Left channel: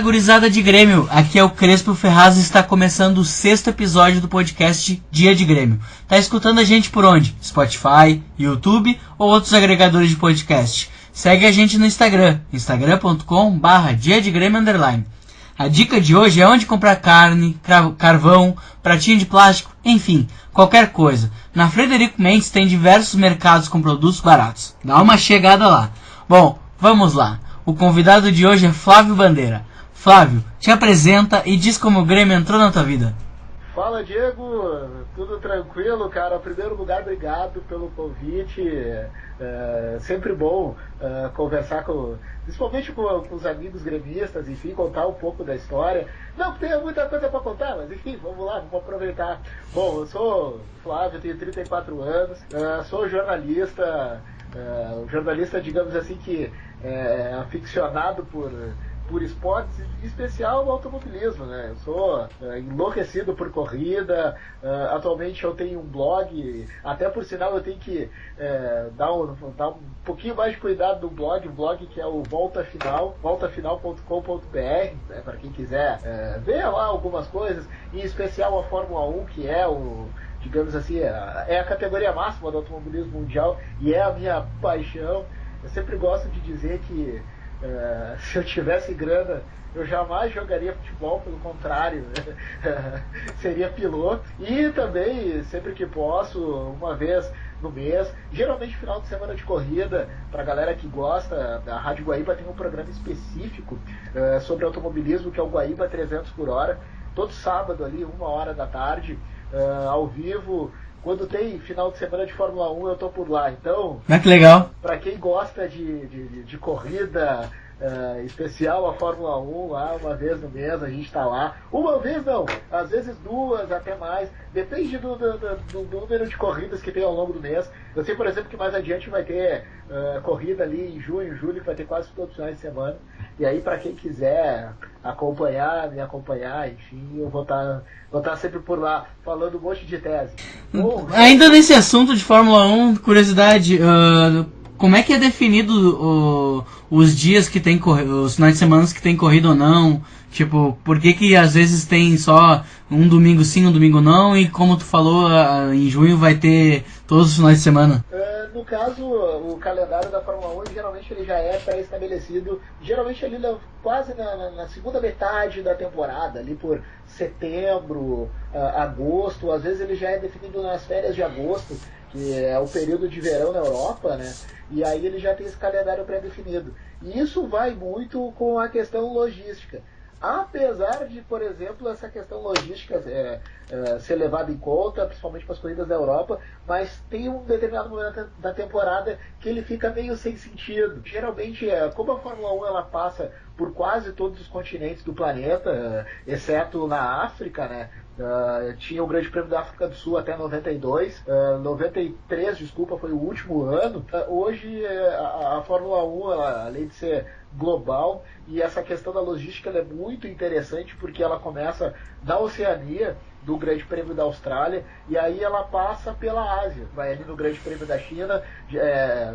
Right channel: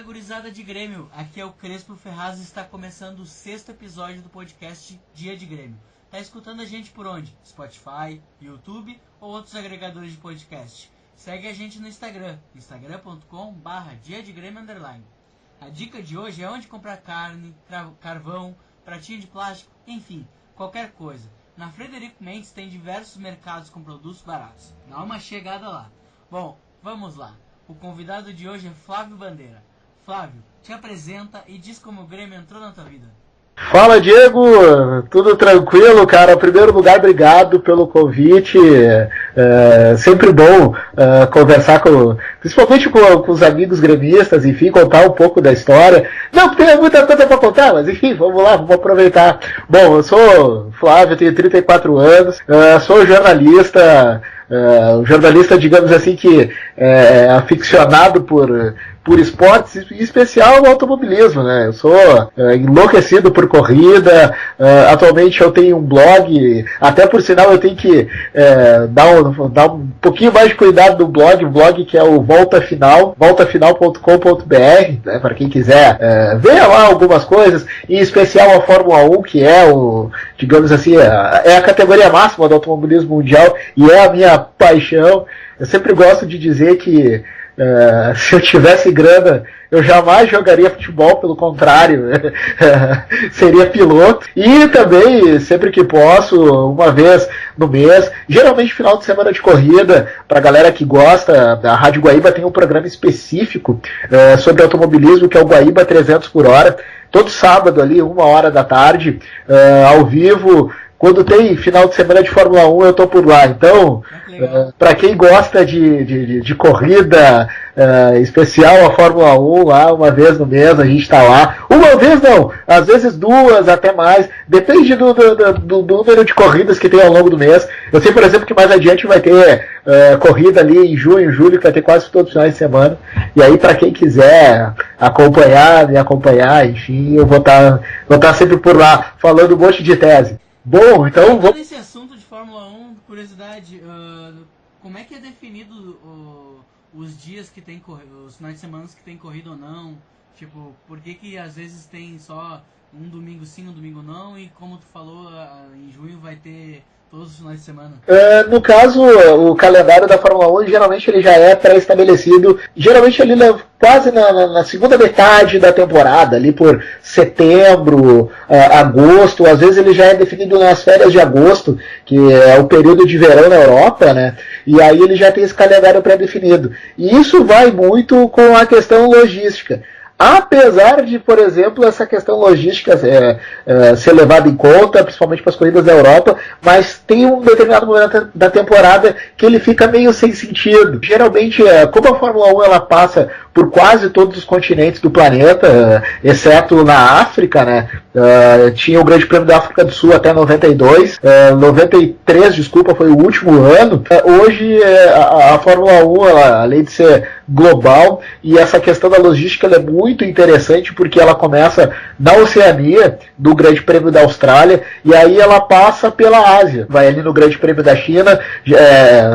Fala, gurizada de Grêmio, aqui é o Crespo Ferraz e está começando o 6º episódio do podcast Dia de Grêmio. Tá escutando a gente por onde? Spotify, YouTube ou outros agregadores de podcast? Segue a gente no Instagram, instagram.com/diadegrêmio_. A dica de hoje é onde comprar carne, carvão, pratinho de plástico, enfim, qualquer coisa. Na Frederico Mendes tem diversos mercados com produtos baratos. Dá uma chegada lá. Bom, vamos lá. O convidado de hoje é Flávio Bandeira. Flávio, te apresenta e diz como o Grêmio entrou na tua vida. Fala, Diego, tudo tranquilo, cara? Em primeiro lugar, obrigado pelo convite. Sempre bom conversar principalmente com os amigos gremistas, enfim, contar um pouco da história. Não tem muita coisa para contar, mas enfim, vamos lá, vamos aproveitar. Bom, eu sou Flávio, tenho 34 anos, sou jornalista, digamos assim, que é aficionado por esportes, em especial o automobilismo, né? Eu sou enlouquecido por corrida. Atualmente eu tenho um blog, até por sinal eu tenho que dar um pouquinho mais de cuidado no blog que é o voltafinal.com.br, né? Para quem quiser ver lá algumas coisas, em especial a Fórmula 1, que é digamos assim, é a categoria máxima do automobilismo mundial e é a minha paixão. Eu sempre gosto de dizer que se eu tivesse grana, eu jamais jogaria futebol, pelo contrário, seria piloto. E também, sempre que posso, uma vez no mês, geralmente final de semana de corrida, pra galera que gosta, a Rádio Guaíba tem um programa específico sobre automobilismo, que é o Guaíba 300 por hora, todo sábado ali, 1h da tarde, ao vivo. Quando tem final de semana de Fórmula 1, eu tô por lá. Então, que legal. Para quem gosta de corrida, especial a Fórmula 1, lá uma vez no mês a gente tá lá. Uma vez não, às vezes duas, até mais. Depende do número de corridas que tem ao longo do mês. Eu sei, por exemplo, que mais adiante vai ter corrida ali em junho, julho, que vai ter quase todos os finais de semana. E aí, para quem quiser me acompanhar, enfim, eu vou estar sempre por lá, falando um monte de tese. Bom, então... Ainda nesse assunto de Fórmula 1, curiosidade, como é que é definido os dias que tem os finais de semana que tem corrida ou não? Tipo, por que às vezes tem só um domingo sim, um domingo não, e como tu falou, em junho vai ter todos os finais de semana? No caso, o calendário da Fórmula 1, geralmente ele já é pré-estabelecido, geralmente ele quase na segunda metade da temporada, ali por setembro, agosto, às vezes ele já é definido nas férias de agosto, que é o período de verão na Europa, né? E aí ele já tem esse calendário pré-definido. E isso vai muito com a questão logística. Apesar de, por exemplo, essa questão logística ser levada em conta, principalmente para as corridas da Europa, mas tem um determinado momento da temporada que ele fica meio sem sentido. Geralmente, como a Fórmula 1 ela passa por quase todos os continentes do planeta, exceto na África, né? Tinha o Grande Prêmio da África do Sul até 92, 93, desculpa, foi o último ano. Hoje a Fórmula 1, ela, além de ser global, e essa questão da logística ela é muito interessante, porque ela começa na Oceania, do Grande Prêmio da Austrália, e aí ela passa pela Ásia, vai ali no Grande Prêmio da China,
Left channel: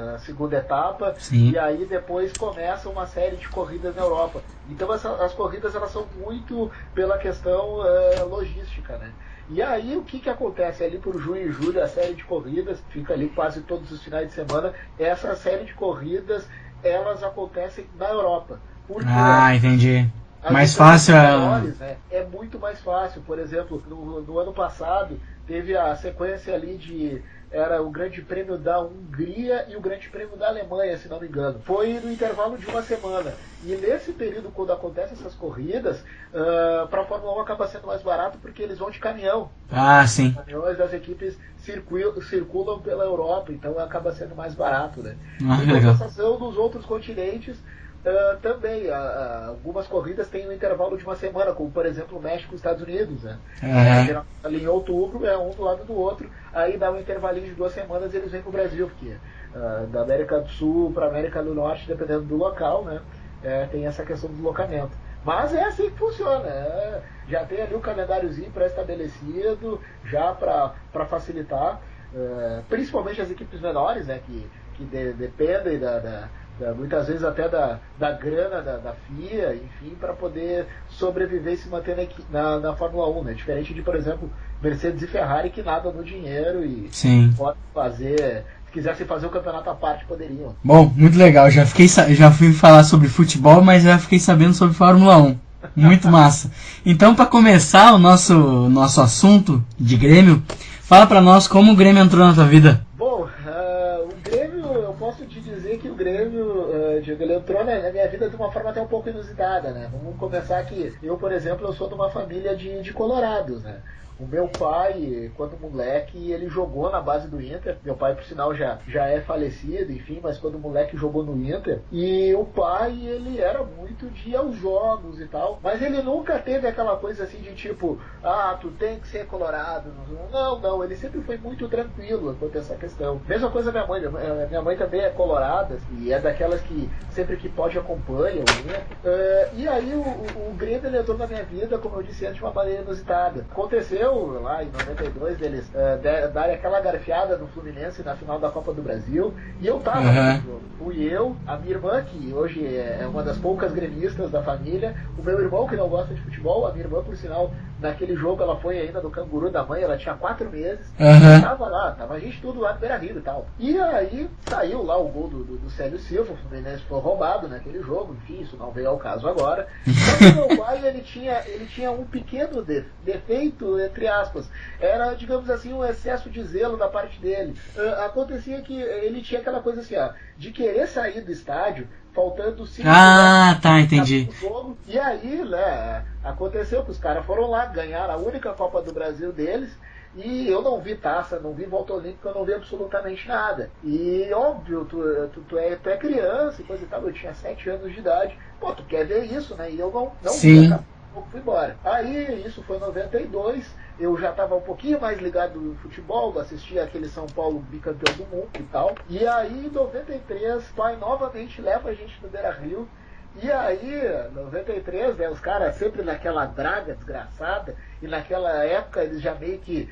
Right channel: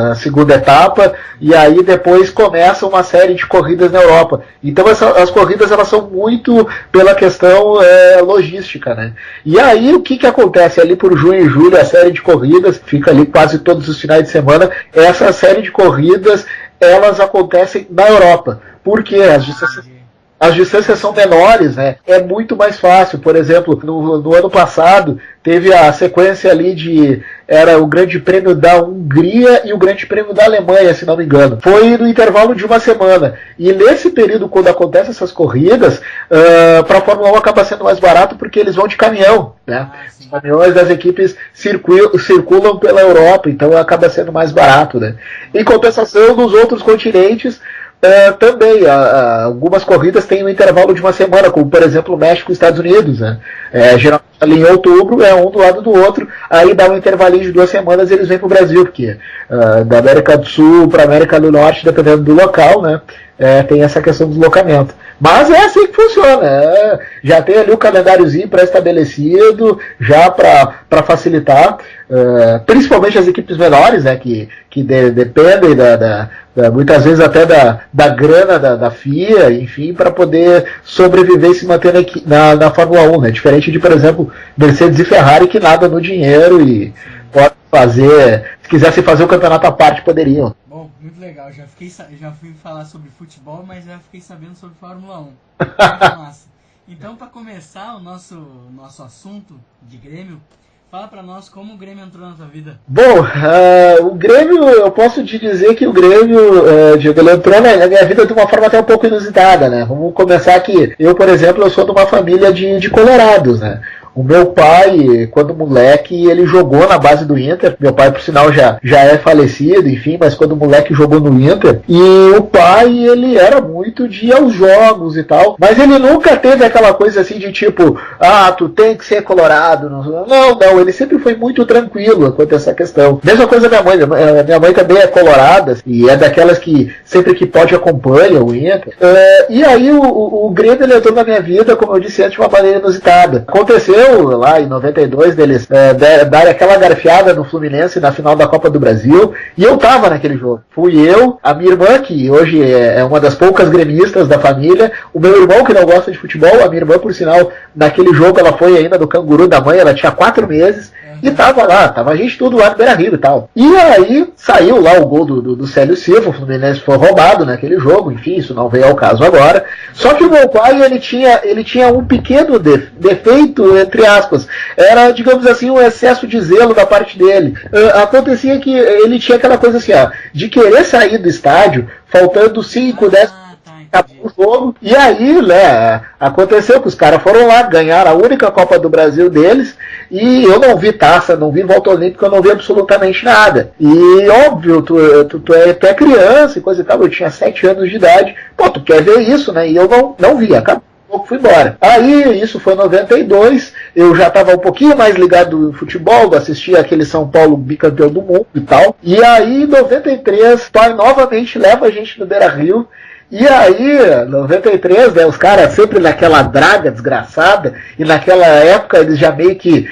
a segunda etapa. Sim. E aí depois começa uma série de corridas na Europa. Então as corridas elas são muito pela questão logística, né? E aí o que acontece ali por junho e julho, a série de corridas fica ali quase todos os finais de semana. Essa série de corridas elas acontecem na Europa, porque as distâncias são menores, né? É muito mais fácil. Por exemplo, no ano passado teve a sequência ali era o Grande Prêmio da Hungria e o Grande Prêmio da Alemanha, se não me engano. Foi no intervalo de uma semana. E nesse período, quando acontecem essas corridas, para a Fórmula 1 acaba sendo mais barato porque eles vão de caminhão, né? Sim. Os caminhões das equipes circulam pela Europa, então acaba sendo mais barato, né? Em compensação, nos outros continentes, também, algumas corridas têm um intervalo de uma semana, como por exemplo México e Estados Unidos, né? Geralmente ali em outubro é um do lado do outro, aí dá um intervalinho de 2 semanas e eles vêm para o Brasil, porque da América do Sul para a América do Norte, dependendo do local, né? Tem essa questão do deslocamento. Mas é assim que funciona. Já tem ali o calendáriozinho pré-estabelecido, já para facilitar, principalmente as equipes menores, né, que que dependem muitas vezes até da grana da FIA, enfim, para poder sobreviver e se manter na Fórmula 1, né? Diferente de, por exemplo, Mercedes e Ferrari, que nadam no dinheiro e podem fazer, se quisessem fazer o campeonato à parte, poderiam. Bom, muito legal, já fui falar sobre futebol, mas já fiquei sabendo sobre Fórmula 1. Muito massa. Então, para começar o nosso assunto de Grêmio, fala pra nós como o Grêmio entrou na tua vida. Bom, o Grêmio, eu posso te dizer que o Grêmio, Diego, ele entrou na minha vida de uma forma até um pouco inusitada, né? Vamos começar aqui. Eu, por exemplo, eu sou de uma família de colorados, né? O meu pai, quando moleque, ele jogou na base do Inter. Meu pai, por sinal, já é falecido, enfim, mas quando moleque jogou no Inter. E o pai, ele era muito de ir aos jogos e tal. Mas ele nunca teve aquela coisa assim de tipo, tu tem que ser colorado. Não, ele sempre foi muito tranquilo quanto a essa questão. Mesma coisa minha mãe. Minha mãe também é colorada e é daquelas que sempre que pode acompanha o Inter. E aí o Grêmio, ele entrou na minha vida, como eu disse antes, de uma maneira inusitada. Aconteceu lá em 92 deles darem aquela garfiada no Fluminense na final da Copa do Brasil, e eu tava naquele jogo. Fui eu, a minha irmã, que hoje é uma das poucas gremistas da família, o meu irmão, que não gosta de futebol, a minha irmã, por sinal, naquele jogo ela foi ainda do canguru da mãe, ela tinha 4 meses, e tava a gente tudo lá no Beira-Rio e tal. E aí saiu lá o gol do Célio Silva, o Fluminense foi roubado naquele jogo, enfim, isso não veio ao caso agora. Só que o meu pai, ele tinha um pequeno defeito, entre aspas, era, digamos assim, um excesso de zelo da parte dele. Acontecia que ele tinha aquela coisa assim, de querer sair do estádio faltando 5, 10 entendi. Jogo, e aí, né, aconteceu que os caras foram lá, ganharam a única Copa do Brasil deles, e eu não vi taça, não vi volta olímpica, eu não vi absolutamente nada. E óbvio, tu é criança e coisa e tal, eu tinha 7 anos de idade, tu quer ver isso, né, e eu não vi, acabou. Fui embora. Aí, isso foi em 92, eu já estava um pouquinho mais ligado no futebol, assistia aquele São Paulo bicampeão do mundo e tal. E aí, em 93, pai novamente leva a gente no Beira-Rio. E aí, 93, né, os caras sempre naquela draga desgraçada, e naquela época eles já meio que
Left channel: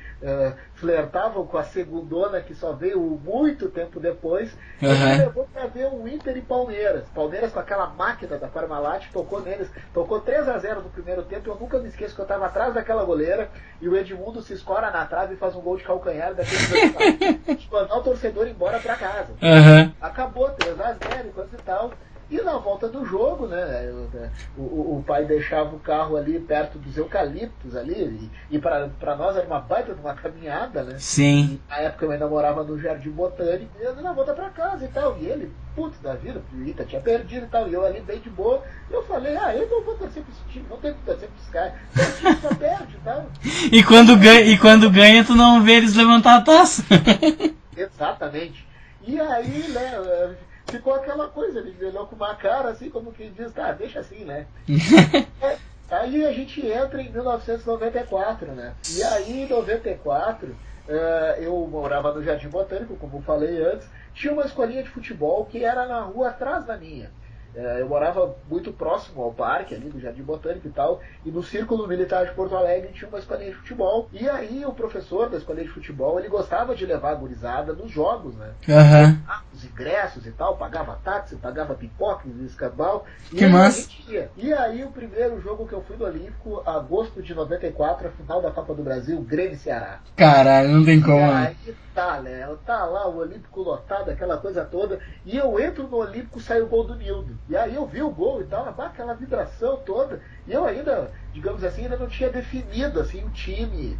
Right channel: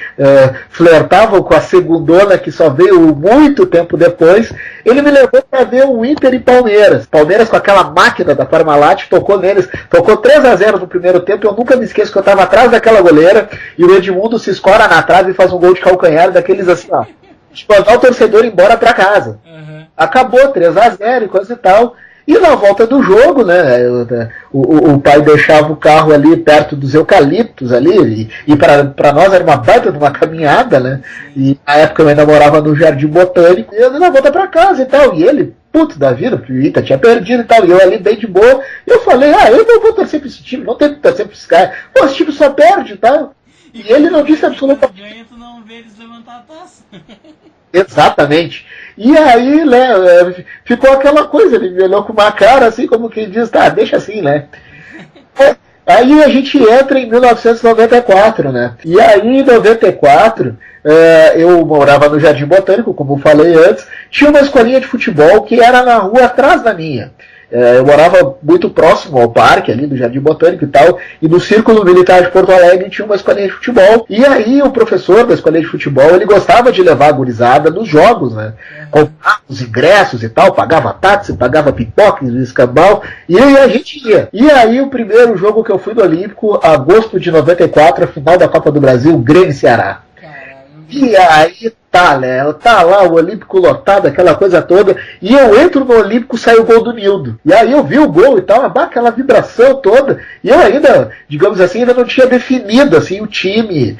flertavam com a segundona que só veio muito tempo depois. Ele me levou para ver o Inter e Palmeiras. Palmeiras com aquela máquina da Parmalat, tocou neles, tocou 3-0 no primeiro tempo, eu nunca me esqueço que eu estava atrás daquela goleira, e o Edmundo se escora na trave e faz um gol de calcanhar daqueles assim, de mandar o torcedor embora para casa. Acabou, 3-0 e coisa e tal. E na volta do jogo, né, o pai deixava o carro ali perto dos eucaliptos ali, e para nós era uma baita de uma caminhada, né? Sim. E na época eu ainda morava no Jardim Botânico, e eu na volta para casa e tal, e ele, puto da vida, porque o Ita tinha perdido e tal, e eu ali bem de boa, e eu falei, eu não vou torcer pra esse time, não tem que torcer pra esse cara, esse time só perde e tal. E quando ganha, tu não vê eles levantar a taça. Exatamente. E aí, né, ficou aquela coisa, ele me olhou com uma cara assim, como quem diz, deixa assim, né. Aí a gente entra em 1994, né, e aí em 94, eu morava no Jardim Botânico, como eu falei antes, tinha uma escolinha de futebol que era na rua atrás da minha. Eu morava muito próximo ao parque ali do Jardim Botânico e tal, e no Círculo Militar de Porto Alegre tinha uma escolinha de futebol, e aí o professor da escolinha de futebol, ele gostava de levar a gurizada nos jogos, né? Os ingressos e tal, pagava táxi, pagava pipoca, escambau, e aí a gente ia. E aí o primeiro jogo que eu fui no Olímpico, agosto de 94, a final da Copa do Brasil, Grêmio e Ceará. Caralho, não tem como. E aí tá lá o Olímpico lotado, aquela coisa toda, e eu entro no Olímpico, sai o gol do Nildo. E aí eu vi o gol e tal, aquela vibração toda, e eu ainda, digamos assim, ainda não tinha definido assim, o time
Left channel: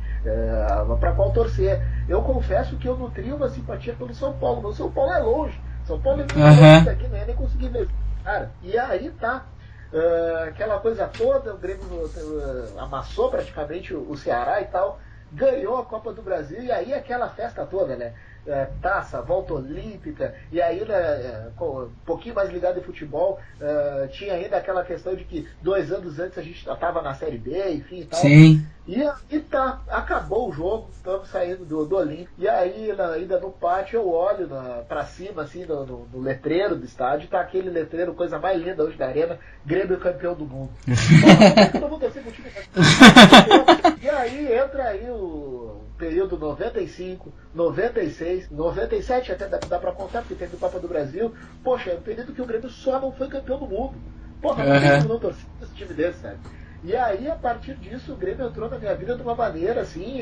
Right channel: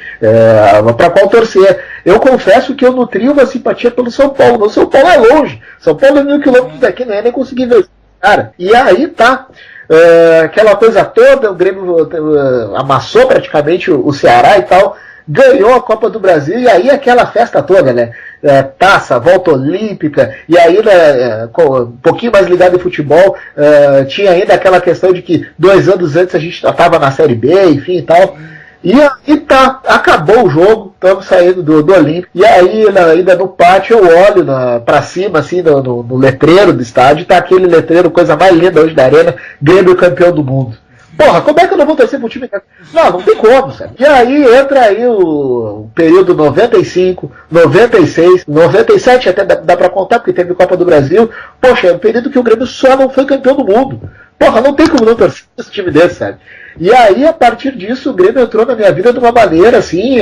para qual torcer. Eu confesso que eu nutri uma simpatia pelo São Paulo. O São Paulo é longe, São Paulo é 1.000 quilômetros daqui, nem consegui ver. Cara, e aí aquela coisa toda, o Grêmio amassou praticamente o Ceará e tal, ganhou a Copa do Brasil, e aí aquela festa toda, né? Taça, volta olímpica, e aí, né, um pouquinho mais ligado em futebol, tinha ainda aquela questão de que 2 anos antes a gente estava na Série B, enfim e tal. Sim. E aí tá, acabou o jogo, estamos saindo do Olímpico, e aí ainda no pátio eu olho pra cima, assim, no letreiro do estádio, tá aquele letreiro, coisa mais linda hoje da arena, Grêmio campeão do mundo. Porra, como é que eu não vou torcer pro time? Não tem como, cara. E aí entra aí o período 95, 96, 97 até dá pra contar, porque teve Copa do Brasil. Poxa, é um período que o Grêmio só não foi campeão do mundo. Porra, não tem como não torcer esse time desse, sabe? E aí, a partir disso, o Grêmio entrou na minha vida de uma maneira, assim,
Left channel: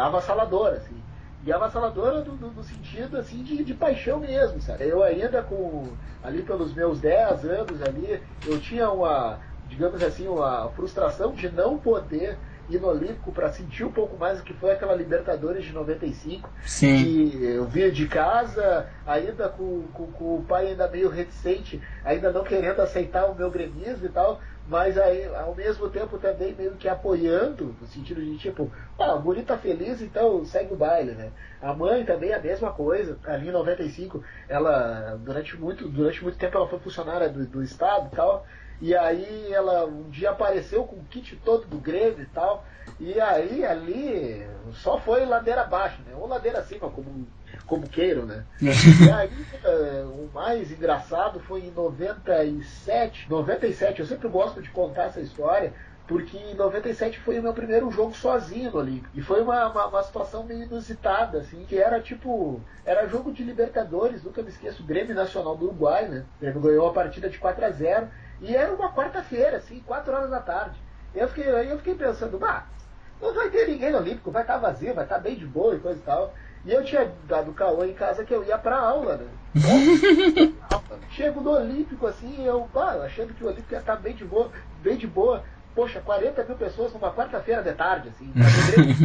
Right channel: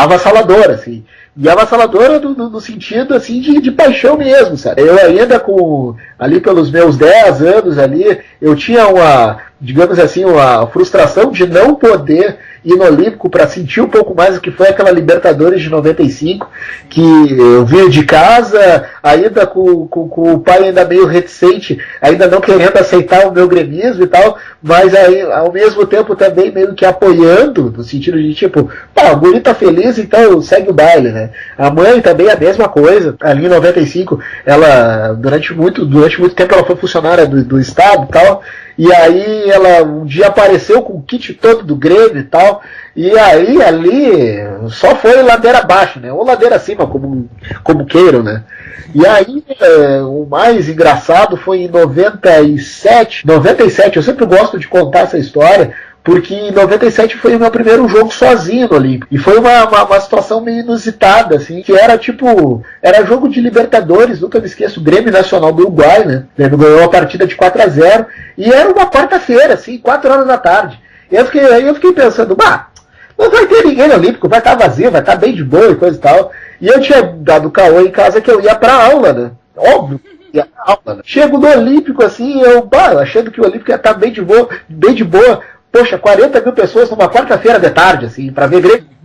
avassaladora, assim. E avassaladora no sentido, assim, de paixão mesmo, sabe? Eu ainda ali pelos meus 10 anos ali, eu tinha digamos assim, uma frustração de não poder ir no Olímpico para sentir um pouco mais o que foi aquela Libertadores de 95, Sim. que eu vinha de casa, ainda com o pai ainda meio reticente, ainda não querendo aceitar o meu gremismo e tal, mas aí, ao mesmo tempo também meio que apoiando, no sentido de tipo, pá, o guri tá feliz, então segue o baile, né? A mãe também a mesma coisa, ali em 95, ela, durante muito tempo ela foi funcionária do Estado e tal, e aí ela um dia apareceu com o kit todo do Grêmio e tal, e aí ali só foi ladeira abaixo, né? Ou ladeira acima, como queiram, né? E aí o mais engraçado foi em 97, eu sempre gosto de contar essa história, porque em 97 foi o meu primeiro jogo sozinho no Olímpico. E foi uma situação meio inusitada, assim, que era jogo de Libertadores, nunca me esqueço, Grêmio Nacional do Uruguai, né? O Grêmio ganhou a partida de 4-0, e era uma quarta-feira, assim, 4 horas da tarde. E aí eu fiquei pensando, não vai ter ninguém no Olímpico, vai estar vazio, vai estar bem de boa e coisa e tal. E eu tinha dado caô em casa que eu ia pra aula, né? Óbvio, ia pra aula, né? Chego no Olímpico, assim, eu achando que o Olímpico ia estar bem de boa. Poxa, 40 mil pessoas numa quarta-feira de tarde, assim, pra ver Grêmio.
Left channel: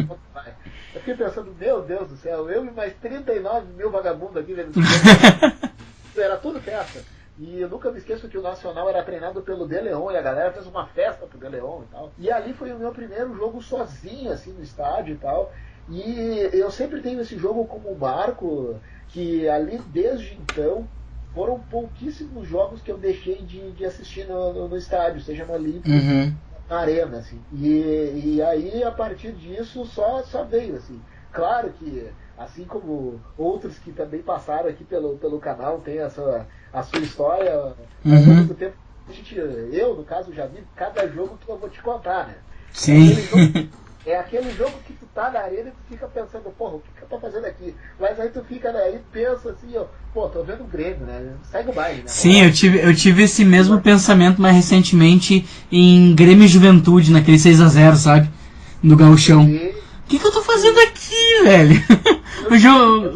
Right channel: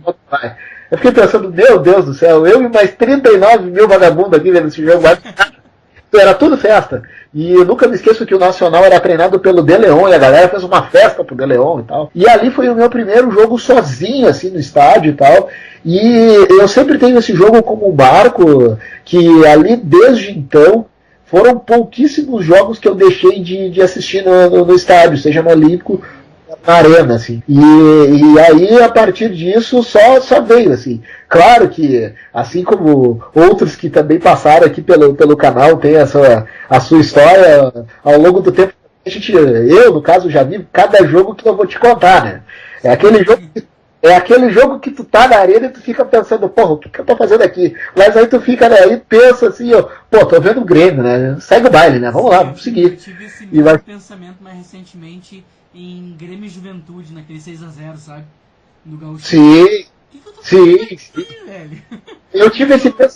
Eu fiquei pensando, meu Deus do céu, eu e mais 39 mil vagabundos aqui vendo esse jogo. Era tudo festa. E eu nunca me esqueço que o Nacional era treinado pelo De Leon, e a galera fez uma festa pro De Leon e tal. E ali foi o meu primeiro jogo sozinho, assim, no estádio e tal. E eu sempre tenho esse jogo como um marco, que ali, desde então, foram pouquíssimos jogos que eu deixei de assistir no estádio, seja no Olímpico, na arena, assim. E aí, a partir disso, só veio, assim. Claro que, assim como outros que também passaram aqui pelo canal, tem a sua história, ao longo do tempo, eu, no caso, já vi cada jogo que eu vou te contar, né? É aquele jogo que tu tá na arena e tu fica pensando, porra, o que eu tô fazendo aqui? Mas aí tu fica, né, aí pensa assim, tô vendo o Grêmio, né? Segue o baile, né? Vamos lá. Eu tive esse mesmo pensamento mais recentemente em Grêmio e Juventude, naquele 6-0, sabe? No Gauchão. Sim. O que eu tô fazendo aqui, velho?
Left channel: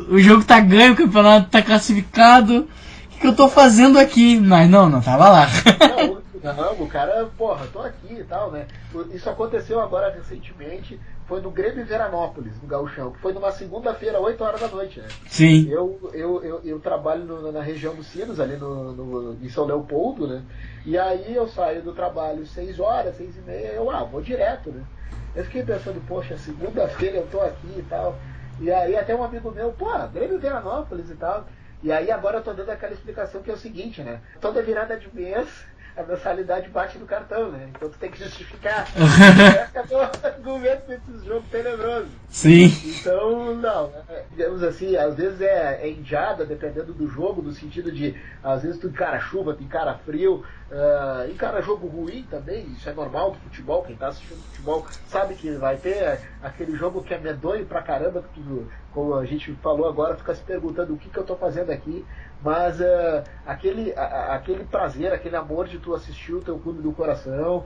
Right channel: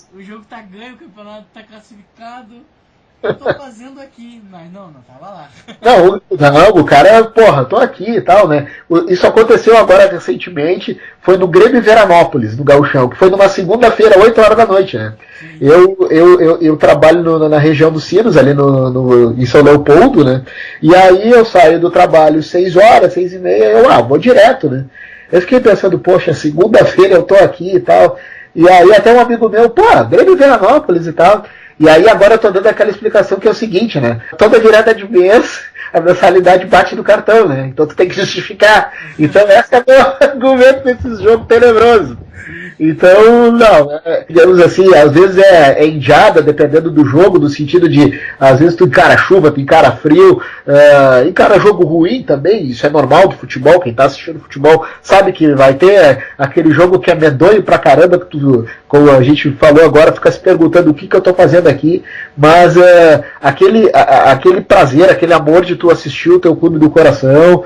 O jogo tá ganho, o campeonato tá classificado. O que eu tô fazendo aqui? Mas não tava lá. Não, o cara, porra, tô aqui e tal, né? Isso aconteceu agora recentemente, foi no Grêmio Veranópolis, no Gauchão, que foi numa segunda-feira, 8 horas da noite, né? Sim. Eu trabalho na região dos Sinos, ali em São Leopoldo, né? E aí eu saio do trabalho 6 horas, 6h30, vou direto, né? Eu fiquei pensando, poxa, segunda-feira eu tô aqui e tal. E aí até um amigo meu, Grêmio Veranópolis e tal. E aí agora eu tô dando aquela explicação que é o seguinte, né? Toda virada de mês, a mensalidade bate no cartão, né? Então tu tem que justificar. Então esse é o meu argumento desse jogo tenebroso. Sim. Então, digamos assim, às vezes é enjada, dependendo do jogo, no sentido de, às vezes tu encara chuva, tu encara frio, encara jogo ruim também, isso é normal do futebol, quem tá assistindo futebol sabe que vai ter aquele jogo que é medonho pra caramba, que tu, como a gente falou agora, fica se perguntando o que eu tô fazendo aqui, mas aquele prazer, aquele amor de tu assistir o teu clube do coração,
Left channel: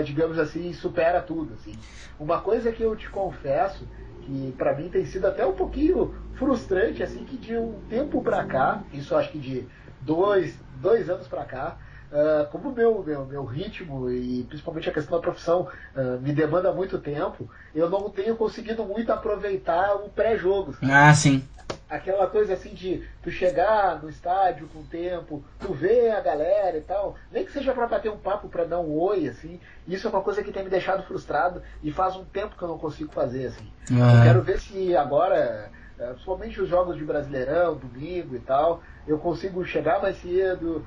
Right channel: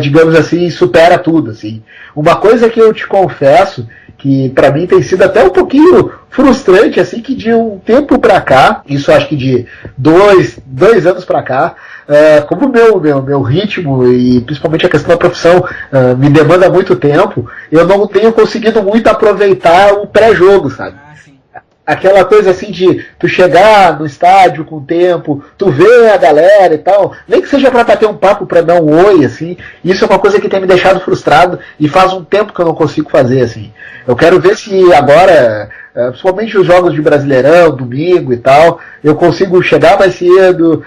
digamos assim, supera tudo, assim. Uma coisa que eu te confesso, que pra mim tem sido até um pouquinho frustrante, assim, que de um tempo pra cá, isso acho que de dois anos pra cá, como o meu ritmo e principalmente a questão da profissão me demanda muito tempo, eu não tenho conseguido muito aproveitar o pré-jogo, sabe? Ah, sim. Aquela coisa assim de tu chegar no estádio com o tempo, tu ver a galera e tal, nem que seja pra bater um papo, pra dar um oi, assim, isso é uma coisa que tem me deixado frustrado e faz um tempo que eu não consigo fazer, assim. Eu quero ver se agora, principalmente os jogos de Brasileirão, domingo e tal, eu consigo chegar mais cedo,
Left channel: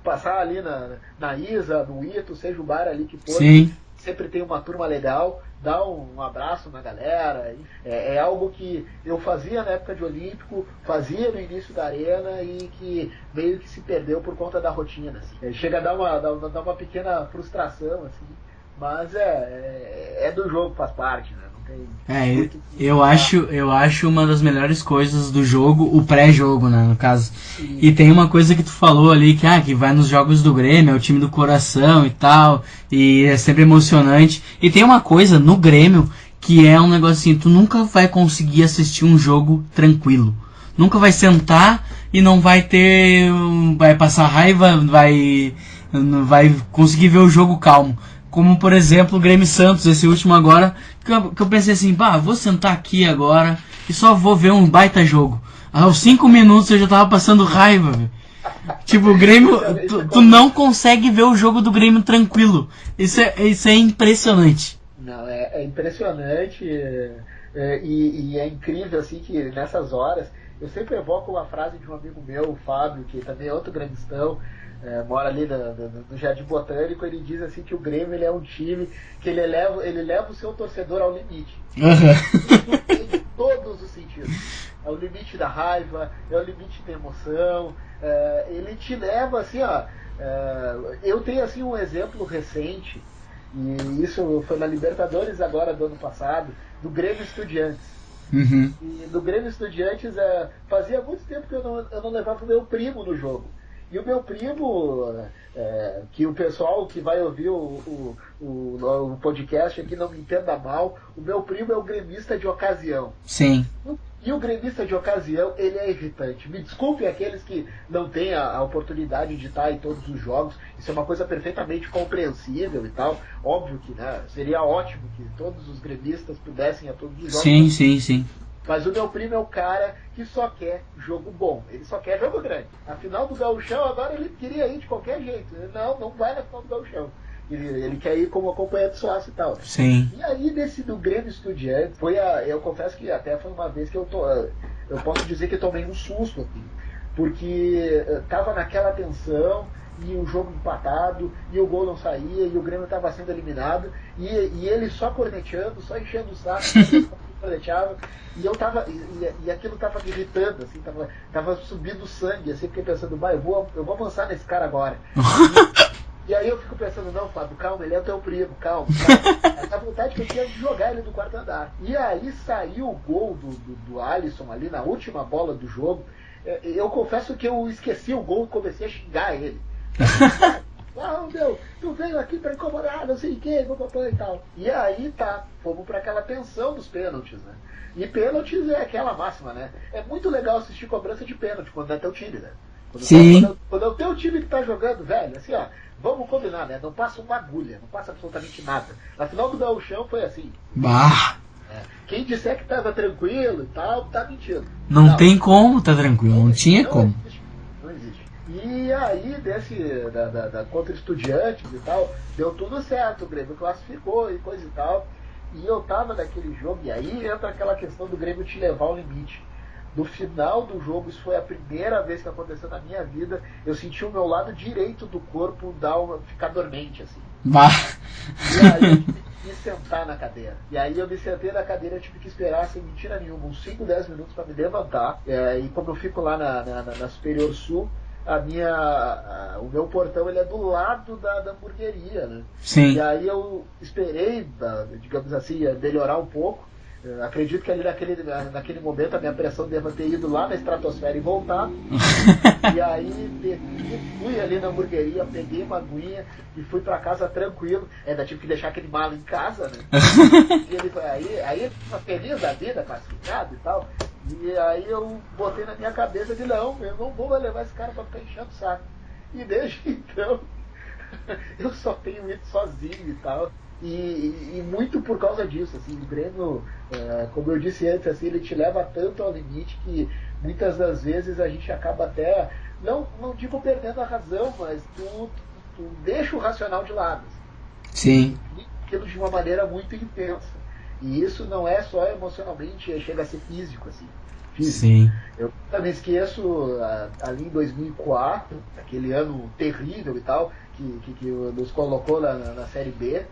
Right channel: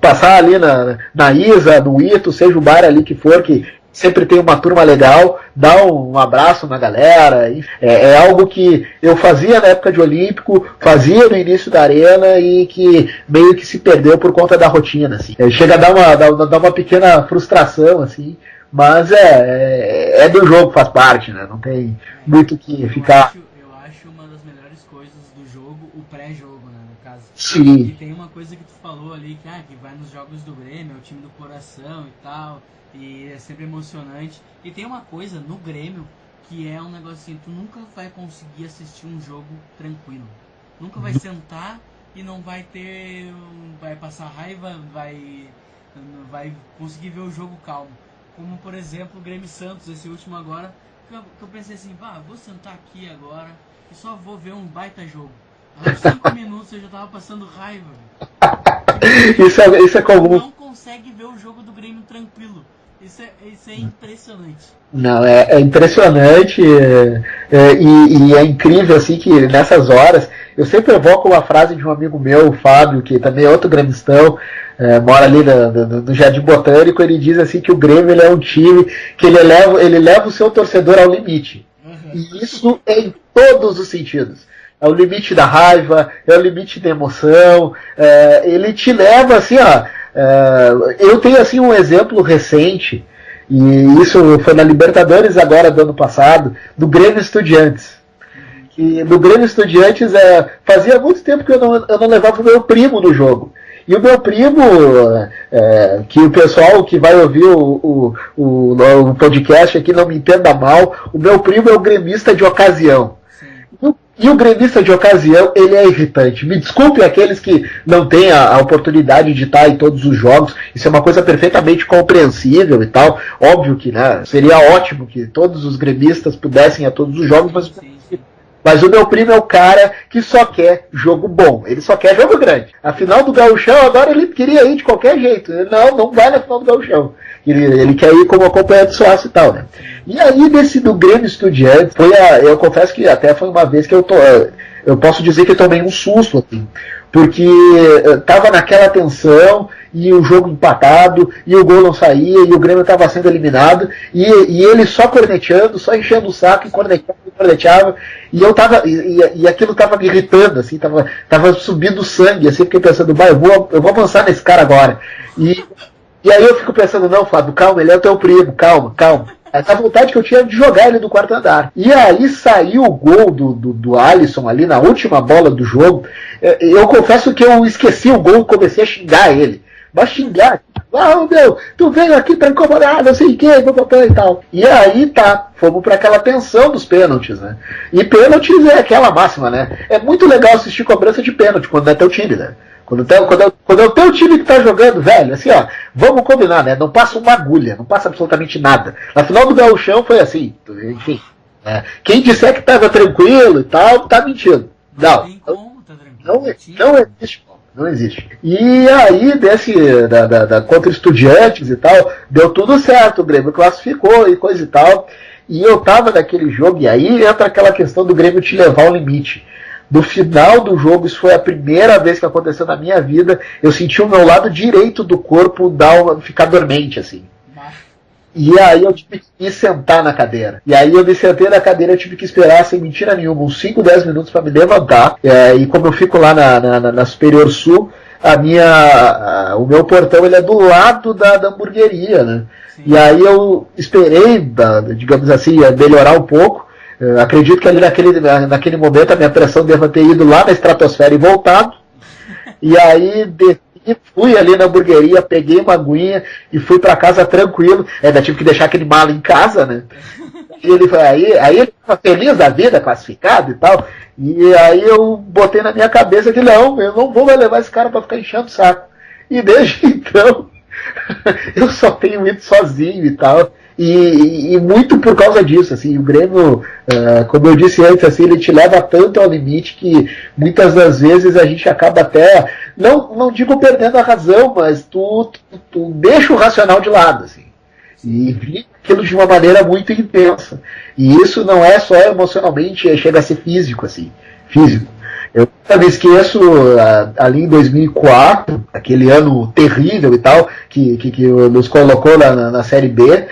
passar ali na Isa, no Ito, seja o bar ali que for, que sempre tem uma turma legal, dá um abraço na galera. É algo que eu fazia na época de Olímpico, fazia no início da Arena e que meio que se perdeu por conta da rotina, assim. Chega a dar uma pequena frustração, assim. Mas é do jogo, faz parte, né? Não tem muito que... Eu acho uma das melhores coisas do jogo, o pré-jogo, né, no caso. Sim. E tem uma coisa que tu falou ali, que vai nos jogos do Grêmio, é o time do coração e tal, e é sempre emocionante. E tem uma coisa no Grêmio, que é um negócio assim, tu nunca vai conseguir assistir um jogo tranquilo. Nunca vai sentar e não vai ter... vai passar raiva, vai conseguir ver o jogo calmo. Como, por exemplo, o Grêmio Santos, esse último agora, que eu pensei assim, vou sentar aqui agora e só vou ver um baita jogo. Aos 5 minutos eu já tava passando raiva, velho. Tipo, o Grêmio, isso é tu não consegue ver o jogo do Grêmio tranquilo. Isso é impressionante. Não, é impressionante e é incrível, assim, que nessas horas, eu sempre evoco uma frase de um amigo meu, o Fábio, que também é outro gremistão, mora ali no Jardim Botânico. Ele diz assim que o Grêmio ele é um time que ele leva o seu torcedor ao limite. Uhum. Isso em todos os sentidos. É o limite da raiva, é o limite da emoção, ele te leva assim, eu tenho assim um exemplo recente, e isso foi na Libertadores agora do ano passado, do Grêmio Estudiantes. Uhum. E no Grêmio Estudiantes fazia muito tempo que eu não levava o meu primo no jogo. E o meu primo, que o pessoal que vai ouvir o podcast aqui não me entenda mal, o meu primo é o gremista de ocasião. Sim. E o gremista de ocasião, ele é irritante. Me desculpe aqueles que não têm a oportunidade de estar em todos os jogos. Isso é uma coisa perfeitamente compreensível e tal. Óbvio que, né, seria ótimo que todos os gremistas pudessem ir a todos os jogos. Sim. Mas o meu primo é o cara que só quer jogo bom. Ele só quer jogo grande. A final do Gauchão, agora ele queria ir de qualquer jeito. Não vai na final do Gauchão. Ele quer ir como acompanhante sócio e tal, né? Sim. E aí, desse do Grêmio Estudiantes, eu confesso que até foi uma vez que eu posso dizer que eu tomei um susto, assim. Porque tava naquela tensão, e o jogo empatado, e o gol não saía, e o Grêmio estava sendo eliminado, e ele só corneteando, só enchendo o saco, corneteava, e eu tava, e aquilo tava me irritando, assim, tava subindo sangue, assim, fiquei pensando, eu vou avançar nesse cara agora. E aí eu fico pensando, não, Fábio, calma, ele é o teu primo, calma. Essa vontade que eu tinha de jogar ele do quarto andar. E aí saiu o gol do Alisson ali na última bola do jogo. Eu confesso que eu esqueci o gol e comecei a xingar ele. Mas xingar, tu veio aqui pra incomodar, não sei o que, e tal. E aí fomos pra aquela tensão dos pênaltis, né? E pênaltis é aquela máxima, né? É muito legal assistir cobrança de pênalti quando é teu time, né? Quando é o teu time que tá jogando, velho, assim, vamos combinar, né? Não passa uma agulha, não passa absolutamente nada. Na final do Gauchão foi assim. Quem disser que tava tranquilo e tal, tá mentindo. Não tem como tá tranquilo. Não existe. E aí, contra Estudiantes e tal, deu tudo certo, o Grêmio classificou e coisa e tal. E eu tava naquele jogo, e aí entra aquela questão do Grêmio te levar ao limite. No final do jogo, isso foi a primeira vez que aconteceu na minha vida, eu senti o meu lado direito do corpo ficar dormente, assim. E aí eu tive que sentar na cadeira. E aí eu me sentei na cadeira, eu tive que esperar, sem mentira nenhuma, uns 5, 10 minutos para me levantar. E como eu fico lá na Superior Sul, o meu portão ele é do lado da hamburgueria, né? Sim. E aí eu esperei, digamos assim, melhorar um pouco. Acredito que ali naquele momento a minha pressão deva ter ido lá na estratosfera e voltado. E aí fui ali na hamburgueria, peguei uma aguinha e fui pra casa tranquilo. Ainda tive que deixar aquele mala em casa, né? E aí ele tava feliz da vida, classificado e tal. E aí eu botei na minha cabeça que não, eu não vou levar esse cara pra ficar enchendo o saco. E desde então eu só tenho ido sozinho e tal. E muito por causa disso, assim, o Grêmio, como eu disse antes, assim, ele te leva tanto ao limite que muitas das vezes a gente acaba até, não digo perdendo a razão, mas tu deixa o racional de lado, assim. Sim. E vive aquilo de uma maneira muito intensa. E isso não é só emocionalmente, chega a ser físico, assim. físico. Sim. Eu nunca me esqueço, ali em 2004, aquele ano terrível e tal, que nos colocou na Série B,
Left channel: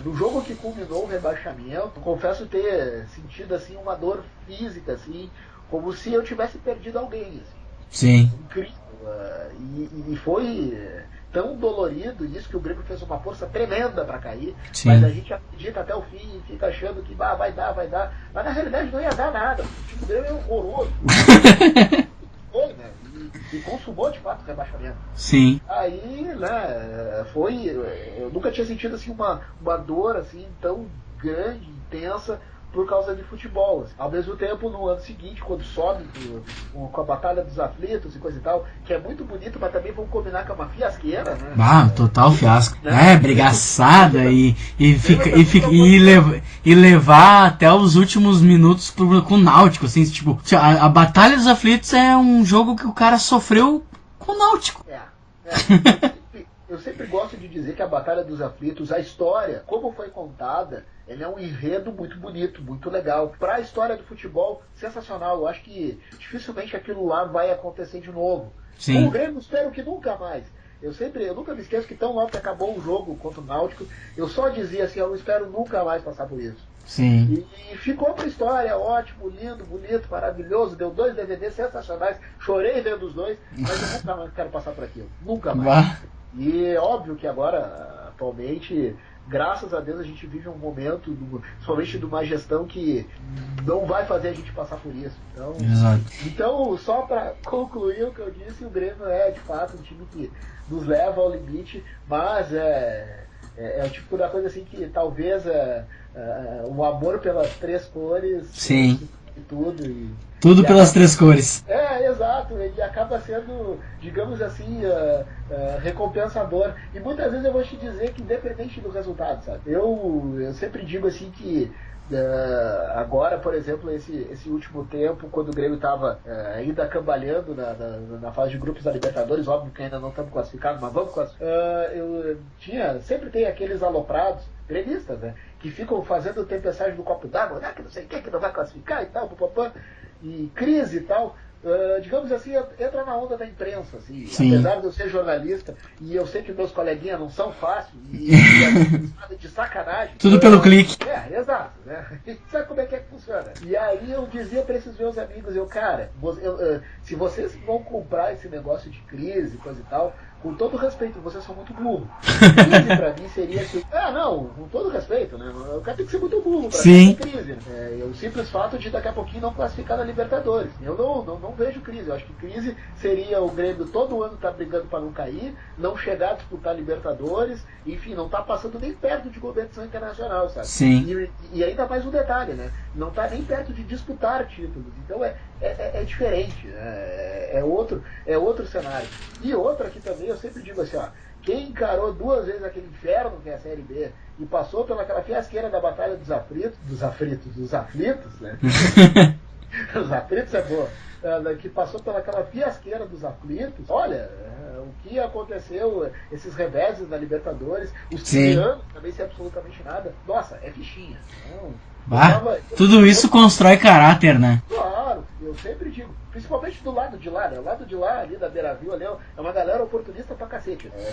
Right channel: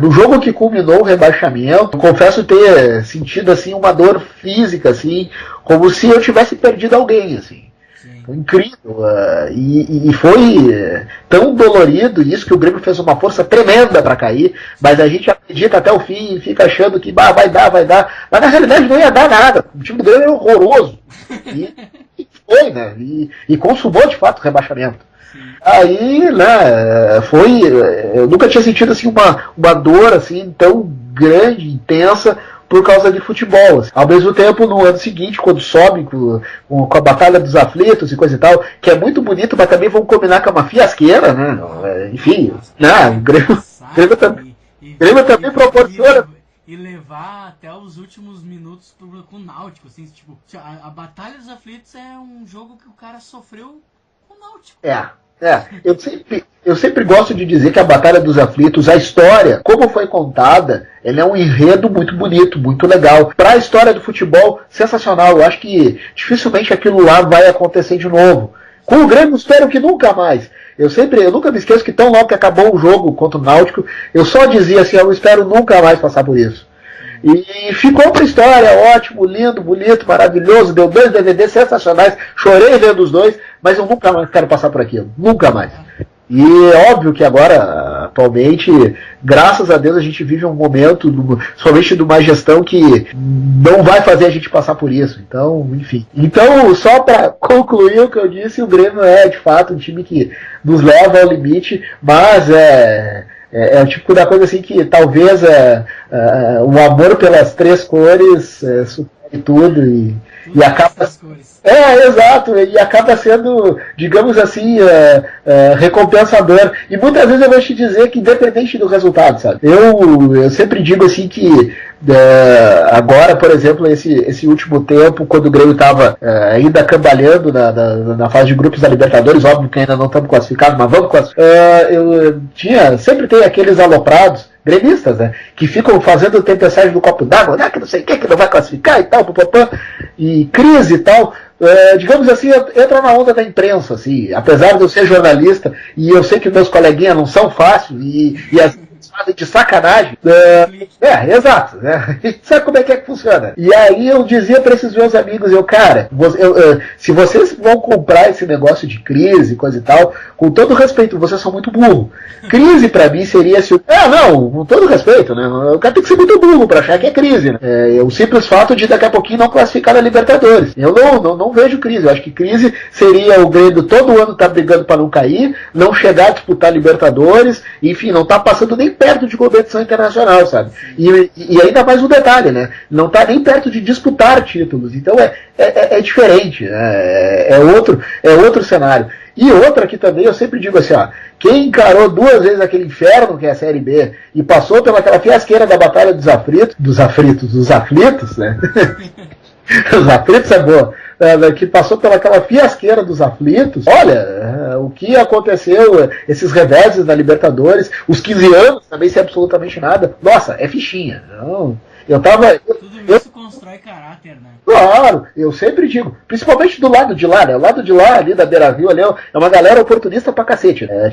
no jogo que culminou o rebaixamento, eu confesso ter sentido assim, uma dor física, assim, como se eu tivesse perdido alguém, assim. Sim. Incrível. E foi tão dolorido isso que o Grêmio fez uma força tremenda para cair. Sim. Mas a gente acredita até o fim e fica achando que vai dar. Mas na realidade não ia dar nada. O time do Grêmio é horroroso. Foi, né? E consumou de fato o rebaixamento. Sim. Aí, né, foi. Eu nunca tinha sentido assim uma dor assim tão grande, intensa, por causa de futebol. Ao mesmo tempo, no ano seguinte, quando sobe com a Batalha dos Aflitos e coisa e tal, que é muito bonito, mas também vamos combinar com uma fiasqueira, né? Total fiasco. Engraçada e levar até os últimos minutos com o Náutico, assim, tipo, a Batalha dos Aflitos é um jogo que o cara sofreu com o Náutico. Eu sempre gosto de dizer que a Batalha dos Aflitos, a história, como foi contada, ela é um enredo muito bonito, muito legal. Para a história do futebol, sensacional. Eu acho que dificilmente aquilo lá vai acontecer de novo. Sim. Com o Grêmio, espero que nunca mais. Eu nunca me esqueço que tão logo que acabou o jogo contra o Náutico, eu só dizia assim, eu espero nunca mais passar por isso. Sim. E ficou pra história, ótimo, lindo, bonito, maravilhoso, deu 2 DVDs sensacionais, chorei vendo os dois, mas eu nunca mais quero passar por aquilo, nunca mais. E é óbvio que agora, atualmente, graças a Deus, a gente vive um momento, somente de uma gestão que não vai fazer a gente passar por isso. Então, enfim. Então, só para concluir o que eu disse, o Grêmio é, de fato, um time que nos leva ao limite, mas é o tipo da coisa assim que talvez o amor pelas 3 cores supere tudo tudo pelas 3 cores. Exato, e acaba sendo, digamos assim, recompensador. E muitas vezes eu vou te dizer que independente do resultado, sabe? Eu sempre digo assim que agora, por exemplo, esse último tempo, quando o Grêmio estava ainda cambaleando na fase de grupos da Libertadores, óbvio que ainda não estamos classificados, mas vamos classificar. Sempre tem aqueles aloprados gremistas, né, que ficam fazendo tempestade do copo d'água, que não sei o que não vai classificar e tal, e crise e tal. Digamos assim, entra na onda da imprensa, assim. Sim. Apesar de eu ser jornalista, e eu sei que meus coleguinhas não são fáceis, e eles fazem de sacanagem. Tudo pelo clique. Exato. Né? Sabe como é que funciona? E aí eu dizia para esses meus amigos, cara, se vocês vão comprar esse negócio de crise, coisa e tal, com todo respeito, vocês são muito burro. Crise pra mim seria se... não, com todo respeito, né? O cara tem que ser muito burro pra achar que é crise, né? O simples fato de daqui a pouquinho não classificar na Libertadores. Eu não vejo crise. Eu acho que crise seria o Grêmio todo ano estar brigando para não cair, não chegar a disputar Libertadores, enfim, não tá passando nem perto de competição internacional, sabe? E ainda mais um detalhe, né? Não tá nem perto de disputar títulos. Então é diferente. É outro cenário. E outra aqui também, eu sempre digo assim, quem encarou 2 vezes aquele inferno que é a Série B e passou pelaquela fiasqueira da Batalha dos Aflitos, né? Os Aflitos é boa. Que passou pelaquela fiasqueira dos Aflitos. Olha, o que aconteceu, esses reveses da Libertadores, os 15 anos também sem absolutamente nada. Nossa, é fichinha. Não... Tudo isso constrói caráter, né? Claro, eu sempre digo, principalmente do lado de lá, né? O lado de lá, ali da Beira-Rio, ali, é uma galera oportunista pra cacete, né?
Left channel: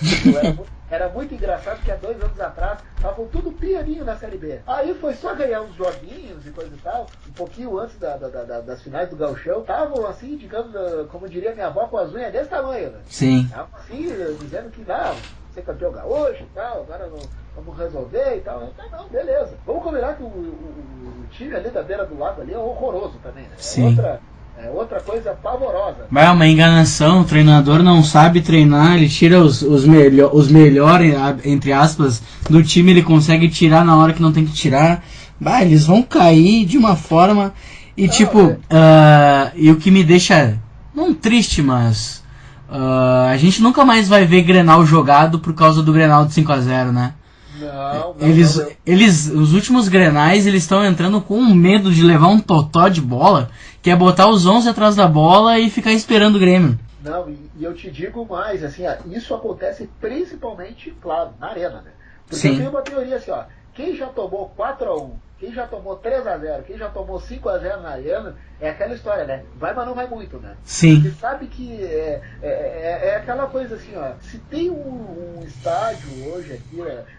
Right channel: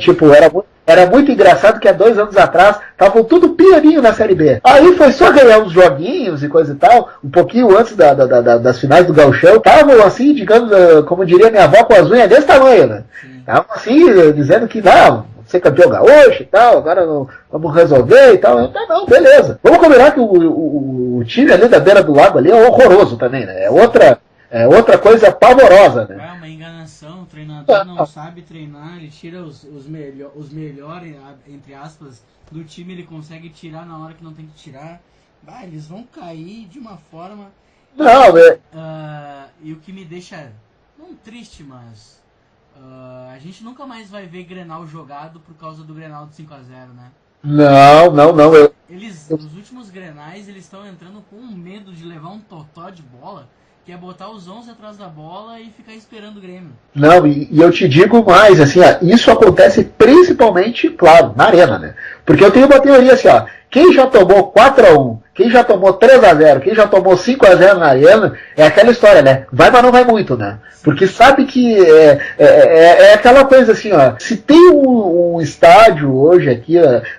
Era muito engraçado que há 2 anos atrás estavam tudo pianinho na Série B. Aí foi só ganhar uns joguinhos e coisa e tal, um pouquinho antes das finais do Gauchão, estavam assim, digamos, como diria minha avó, com as unhas desse tamanho, né? Sim. Estavam assim, dizendo que não, ser campeão gaúcho e tal, agora não, vamos resolver e tal. Não, beleza. Vamos combinar que o time ali da beira do lago ali é horroroso também, né? É outra coisa pavorosa. É uma enganação, o treinador não sabe treinar, ele tira os melhores, entre aspas, do time, ele consegue tirar na hora que não tem que tirar. Eles vão cair de uma forma... E e o que me deixa, não triste, mas... a gente nunca mais vai ver Grenal jogado por causa do Grenal de 5-0, né? Não. Os últimos Grenais, eles estão entrando com medo de levar um totó de bola, que é botar os 11 atrás da bola e ficar esperando o Grêmio. Não, e eu te digo mais, assim, isso acontece principalmente, claro, na arena, né? Porque eu tenho uma teoria assim, Quem já tomou 4-1, quem já tomou 3-0, quem já tomou 5-0 na arena, é aquela história, né? Vai, mas não vai muito, né? Sim. Porque sabe que é aquela coisa assim, ó. Se tem um estádio hoje aqui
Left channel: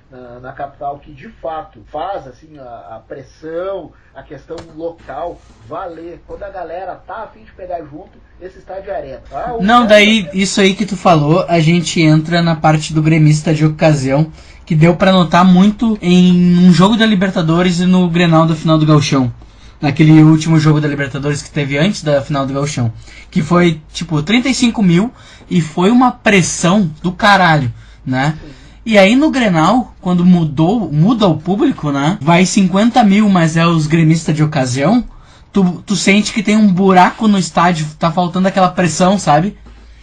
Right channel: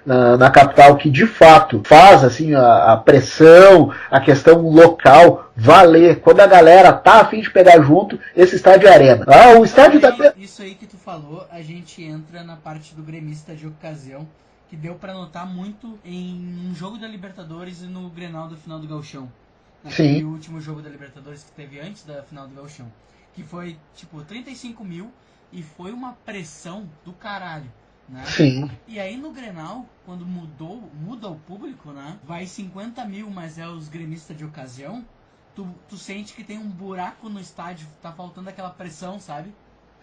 na capital que de fato faz assim a pressão, a questão local valer, quando a galera tá a fim de pegar junto, esse estádio é Arena. Não, daí isso aí que tu falou, a gente entra na parte do gremista de ocasião, que deu pra notar muito em um jogo da Libertadores e no Grenal da final do Gauchão. Naquele último jogo da Libertadores que teve antes da final do Gauchão. Que foi, tipo, 35 mil e foi uma pressão do caralho, né? Sim. E aí no Grenal, quando muda o público, né? Vai 50 mil, mas é os gremistas de ocasião. Tu sente que tem um buraco no estádio, tá faltando aquela pressão, sabe?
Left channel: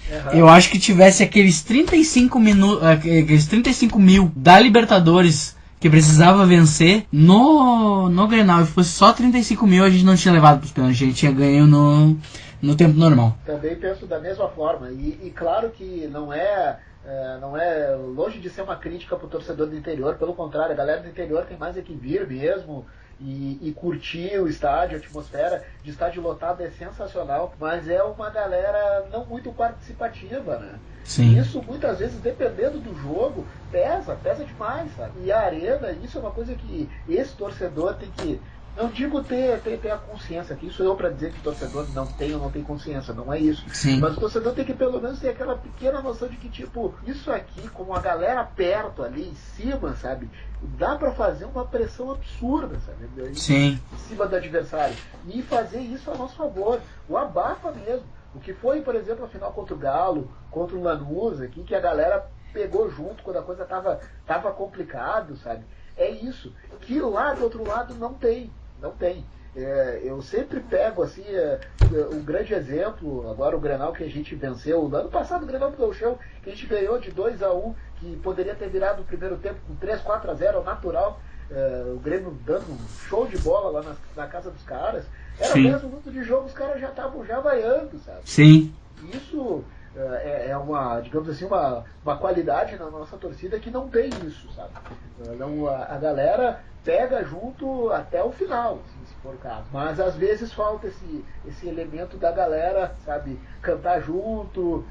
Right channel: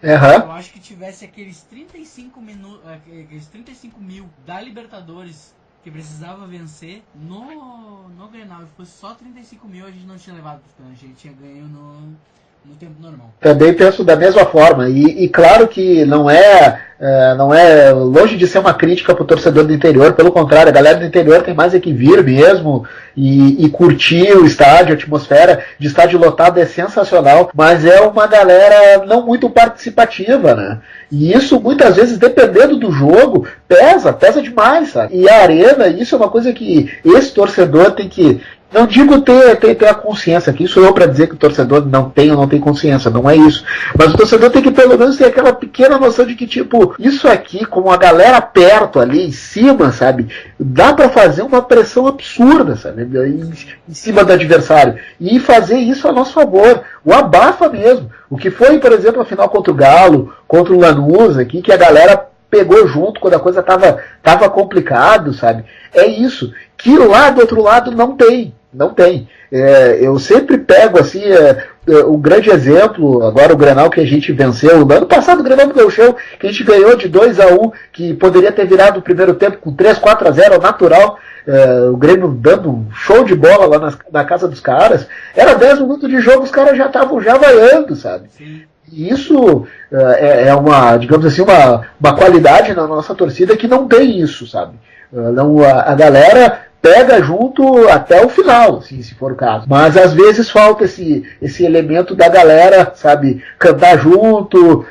Uhum. Eu acho que tivesse aqueles 35 mil da Libertadores que precisava vencer no Grenal, e fosse só 35 mil, a gente não tinha levado pros pênaltis, a gente tinha ganho no tempo normal. Também penso da mesma forma, e claro que não é longe de ser uma crítica pro torcedor do interior, pelo contrário, a galera do interior tem mais é que vir mesmo e curtir o estádio, a atmosfera de estádio lotado é sensacional, mas é uma galera não muito participativa, né? Sim. E isso muitas vezes, dependendo do jogo, pesa demais, sabe? E a arena, isso é uma coisa que esse torcedor tem que... Não digo ter a consciência, que isso sou eu para dizer que o torcedor não tem ou não tem consciência, não é isso. Sim. Mas o torcedor tem que pelo menos ter aquela pequena noção de que, tipo, isso aqui, como a galera perto ali em cima, sabe, dá para fazer uma pressão absurda, sabe, em cima do adversário. E fazer isso a nosso favor. O abafa mesmo. O que foi, por exemplo, a final contra o Galo, contra o Lanús aqui, que a galera pegou junto quando a coisa tava complicado, sabe? É isso. Que lá do outro lado não tem. Não tem. Eu sempre pego assim um grande exemplo, agora o Grenal que a gente venceu, no ano passado o Grenal do Gauchão, que a gente ganhou de 2-1, que poderia ter virado o primeiro tempo com 3-4-0 natural, o Grêmio dando um show de bola lá na casa dos caras, era 10 minutos de jogo, os caras já estavam já vaiando, sabe? Sim. E isso é uma, digamos assim, uma qualidade na nossa torcida que não tem isso, sabe? A galera pega junto até o final, assim, se for o caso. Mas às vezes falta esse elemento da galera, sabe, cantar junto,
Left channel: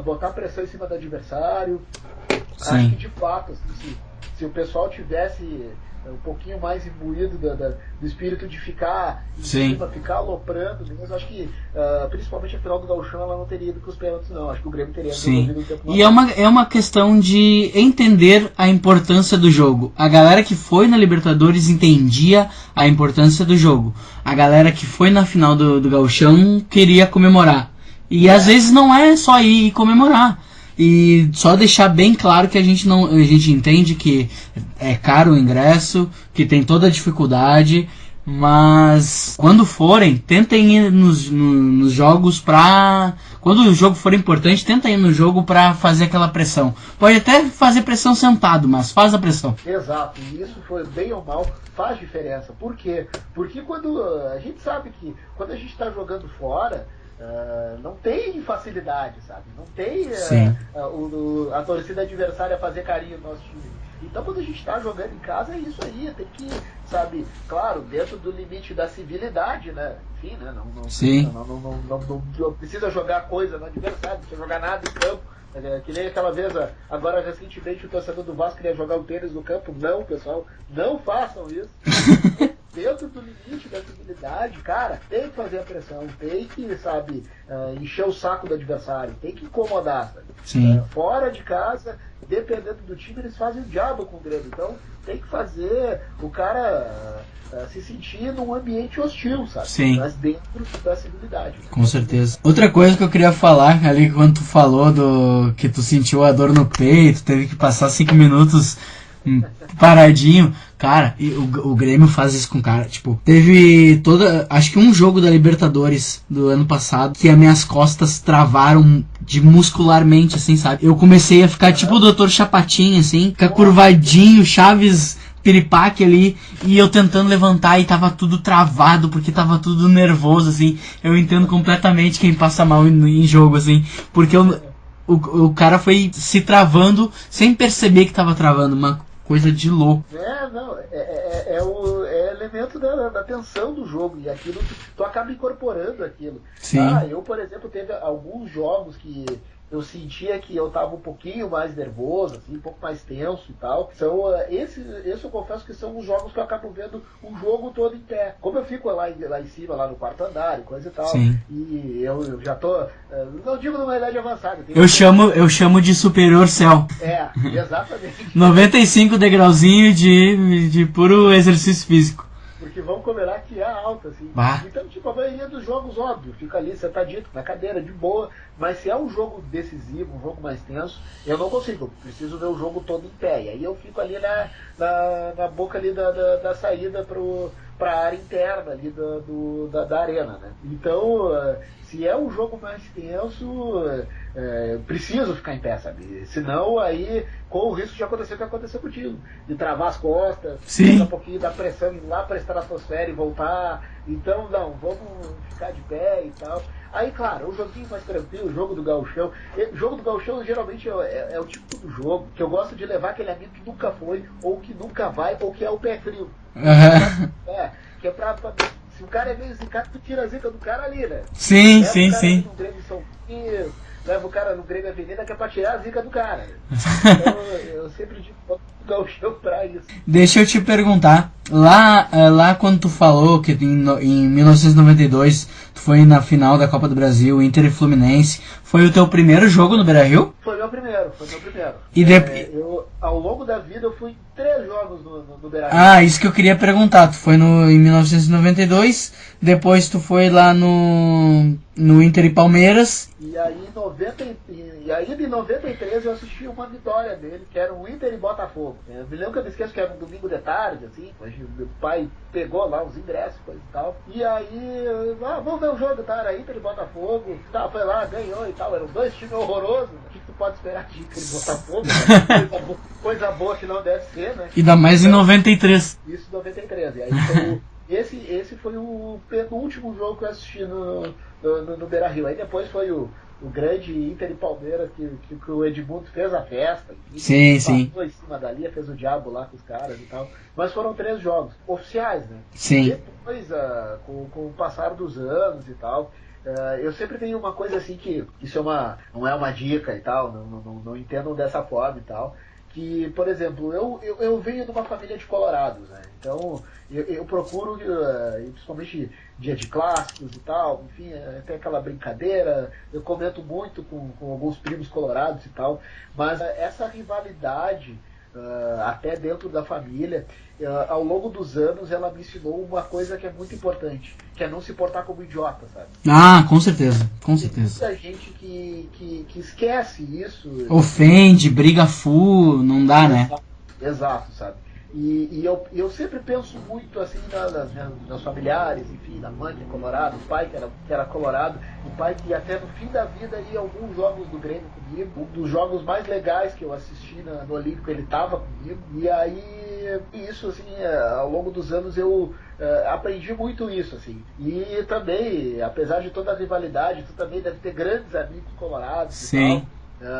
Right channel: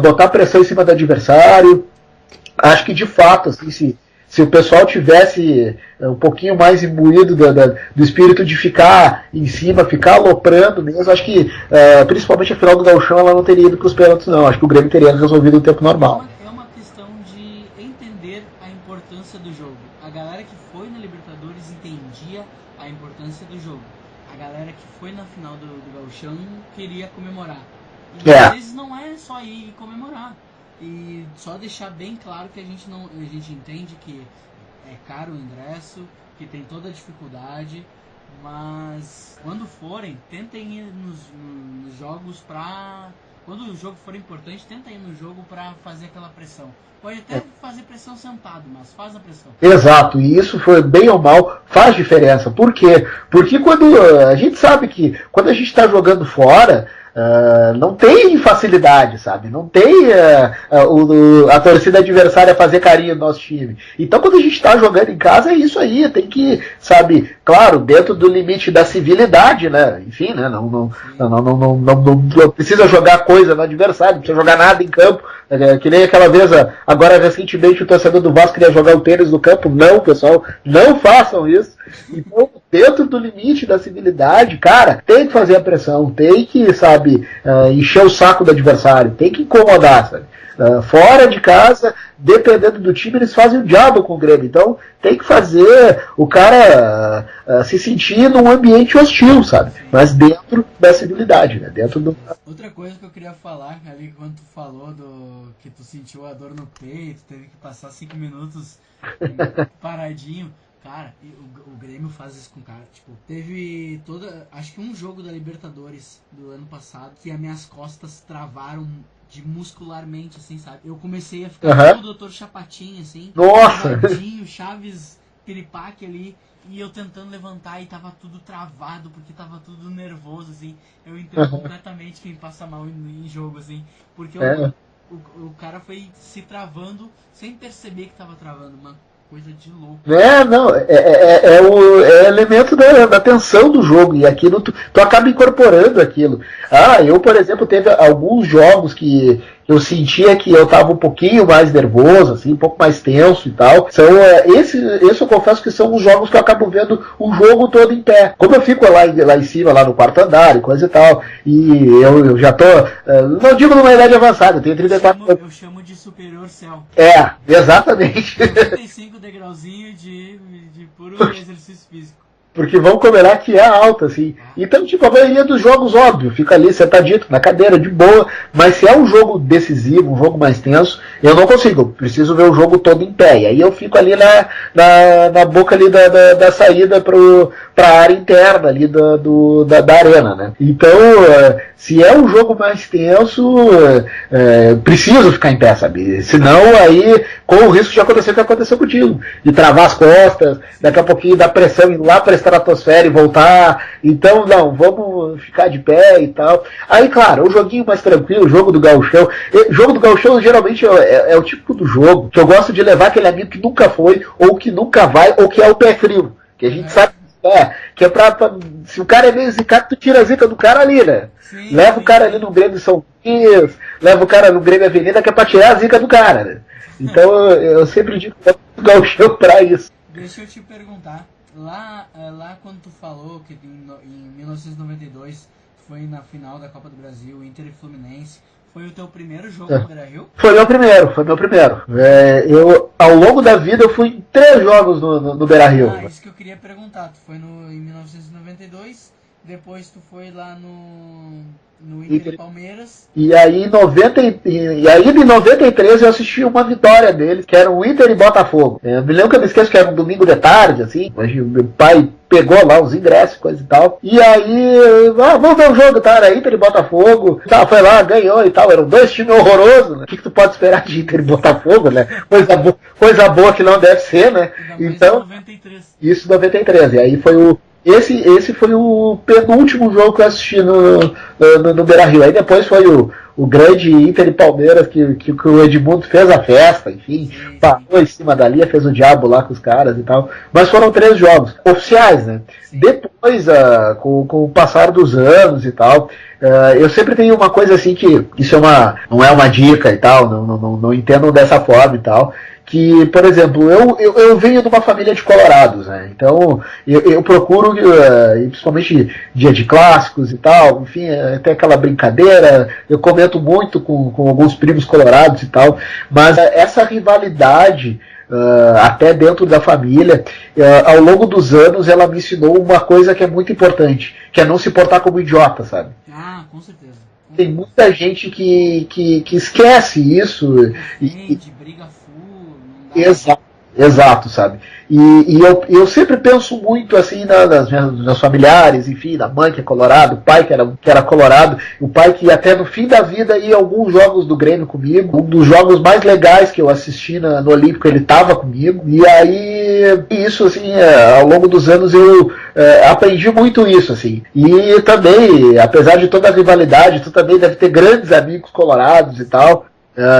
botar pressão em cima do adversário. Sim. Acho que de fato, assim, se o pessoal tivesse um pouquinho mais imbuído do espírito de ficar em cima, ficar aloprando mesmo, acho que principalmente a final do Gauchão ela não teria ido para os pênaltis, não. Acho que o Grêmio teria resolvido o tempo normal. E é uma questão de entender a importância do jogo. A galera que foi na Libertadores entendia a importância do jogo. A galera que foi na final do Gauchão queria comemorar. E às vezes não é só ir comemorar. E só deixar bem claro que a gente entende que é caro o ingresso, que tem toda a dificuldade, mas quando forem, tentem ir nos jogos pra... Quando o jogo for importante, tentem ir no jogo pra fazer aquela pressão. Pode até fazer pressão sentado, mas faz a pressão. Exato, e isso foi bem ou mal, faz diferença. Por quê? Porque quando a gente sabe que quando a gente está jogando fora... não tem facilidade, sabe? Não tem a torcida adversária fazer carinho no nosso time. Então quando a gente está jogando em casa é isso aí, tem que, sabe, claro, dentro do limite da civilidade, né? Enfim, né? Não precisa jogar coisa no adversário, não precisa jogar nada em campo. Que nem aquela vez, agora recentemente o torcedor do Vasco queria jogar o tênis no campo. Não, pessoal, não façam isso. Dentro do limite da civilidade, cara, tem que fazer a pressão, tem que, sabe, encher o saco do adversário, tem que incomodar, sabe? Fora de casa, dependendo do time, eles fazem o diabo com o Grêmio. Então tem que fazer o cara se sentir num ambiente hostil, sabe? Sim. Mas dentro da civilidade, né? Com certeza. Outra coisa que eu queria falar ali, quando tu falou que tu sentiu a dor no peito, teve que passar 5 minutos paradinho. Cara, o Grêmio faz isso com o cara. Tipo, teve acho que um jogo da Libertadores do ano passado que as minhas costas travaram muscularmente, assim, sabe? Eu comecei a ficar tipo o Dr. Chapatin, assim, ficar curvadinho, Chaves piripaque ali, e eu tentando levantar e tava tudo travado, porque tava tudo nervoso, assim. Eu entendo completamente quem passa mal em jogo, assim, porque o cara foi se travando sem perceber que tava travando, coisa de louco. Não, é elemento da tensão do jogo, e aquilo tu acaba incorporando aquilo. Sim. Eu, por exemplo, teve alguns jogos que eu sentia que eu estava um pouquinho mais nervoso, assim, um pouco mais tenso e tal. Esse eu confesso que são os jogos que eu acabo vendo o jogo todo em pé. Como eu fico lá em cima, lá no quarto andar e coisa e tal, e eu já tô, não digo numa idade avançada. Eu chamo de superior céu. Exatamente. 95 degrauzinho de puro exercício físico. Porque vamos combinar que é alta, assim. Então, tipo, a maioria dos jogos, óbvio, fica ali sentadito na cadeira, de boa. Mas se é um jogo decisivo, um jogo mais tenso, eu não consigo. Eu preciso ver o jogo todo em pé. E aí eu fico ali na boca ali da saída pra área interna ali da arena, né? Então, se é um jogo mais tenso, preciso ficar em pé, sabe? Senão, aí, com o risco de acontecer o que aconteceu contigo. De travar as costas, daqui a pouquinho dar pressão ir lá pra estratosfera e voltar. Então, não, vamos ficar de pé e tal. Aí, claro, o joguinho mais tranquilo, o jogo do gauchão. Jogo do gauchão, geralmente, é o tipo do jogo que eu gosto de levar aquele amigo que nunca foi, ou que nunca vai, ou que é o pé frio. Que sabe, que é pra. Se o cara é meio zicado, tu tira a zica do cara ali, né? Sim, leva o cara ali no Grêmio São Luís, leva o cara no Grêmio Avenida, que é pra tirar a zica do cara, né? Então eu sempre digo que o gauchão pra isso. Deixa eu te perguntar, lá quando tu falou que em 1992 tu foi na final da Copa do Brasil, Inter e Fluminense, foi o teu primeiro jogo no Beira-Rio? Foi meu primeiro. Eu, ao longo da vida, eu fui em 3 jogos no Beira-Rio. Isso que eu queria perguntar. Tu foi em 1992, depois tu foi lá no Inter e Palmeiras. E aí, em 93 eu assisti uma vitória deles, que era o Inter e Botafogo. Me lembro que eu me esqueço que era um domingo de tarde, assim, mas meu pai pegou lá os ingressos, coisa e tal. E aí, vamos ver o jogo, tá? Era Inter e Botafogo. Foi lá, ganhou e tal. Eram 2 times horrorosos, né? O que tu pode esperar de Inter e Botafogo, né? Coisa boa que não deve ser, né? Ainda mais em 93. Isso, 93. E aí foi o... Esse foi o penúltimo jogo que eu assisti no Beira-Rio. Aí depois foi o grande Inter e Palmeiras que o Edmundo fez a festa, enfim. Passou em cima da linha, fez o diabo lá com os caras e tal. Mas foram 3 jogos oficiais, né? Sim. Depois, com o passar dos anos e tal, eu sempre tenho uma coisa assim que isso não é uma dica e tal, não entendam dessa forma e tal. Que, por exemplo, eu venho de uma família de colorados, né? Então eu procuro, principalmente dia de clássicos e tal, enfim, tem aquela brincadeira, eu comento muito com alguns primos colorados e tal, mas essa rivalidade, até dentro da família, ao longo dos anos ela me ensinou uma coisa que é muito importante, que é não se portar como idiota, sabe? Com certeza. Tem muita gente que esquece isso. Ofende, briga full, não dá, né? Exato, sabe? E eu sempre penso muito assim nas meus familiares, enfim, da mãe que é colorado, o pai que era colorado, o pai que até no fim da vida ia a alguns jogos do Grêmio comigo, um dos jogos mais legais que eu assisti no Olímpico, ele estava comigo, e aí isso assim, ao longo dos anos eu aprendi muito isso, assim. E também, apesar de toda a rivalidade, tu também deve ter grandes amigos colorados. Sim. E tal.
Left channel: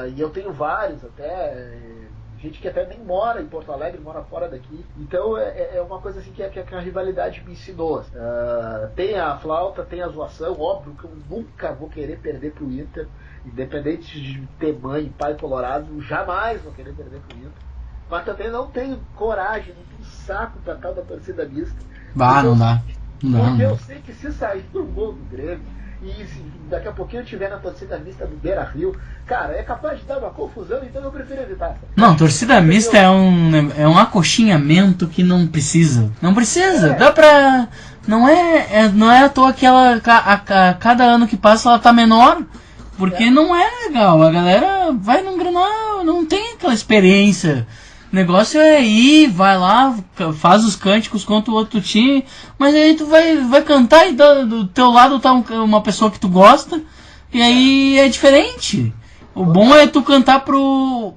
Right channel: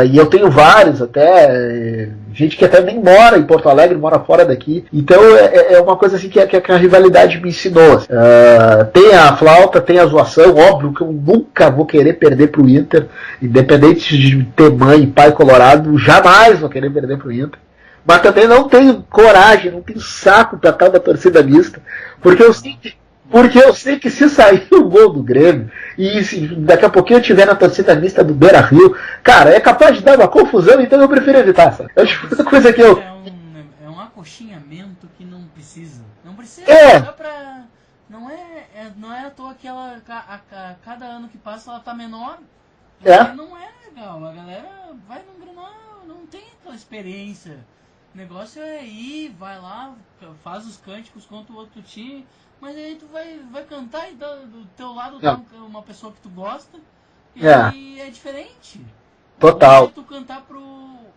E eu tenho vários até, gente que até nem mora em Porto Alegre, mora fora daqui. Então é uma coisa assim que a rivalidade me ensinou. Tem a flauta, tem a zoação, óbvio que eu nunca vou querer perder pro Inter, independente de ter mãe e pai colorado, jamais vou querer perder pro Inter. Mas também não tenho coragem, não tenho saco pra tal da torcida mista, porque eu sei que se sair o gol do Grêmio e se daqui a pouquinho eu estiver na torcida mista do Beira-Rio, cara, é capaz de dar uma confusão, então eu prefiro evitar, sabe? Não, torcida mista é um acochinhamento que não precisa. Não precisa, dá pra... Não é à toa que ela, a cada ano que passa ela tá menor, porque não é legal. A galera vai num Grenal, não tem aquela experiência. O negócio é ir, vai lá, faz os cânticos contra o outro time, mas aí tu vai cantar e do teu lado tá uma pessoa que tu gosta, e aí é diferente. O bom é tu cantar pro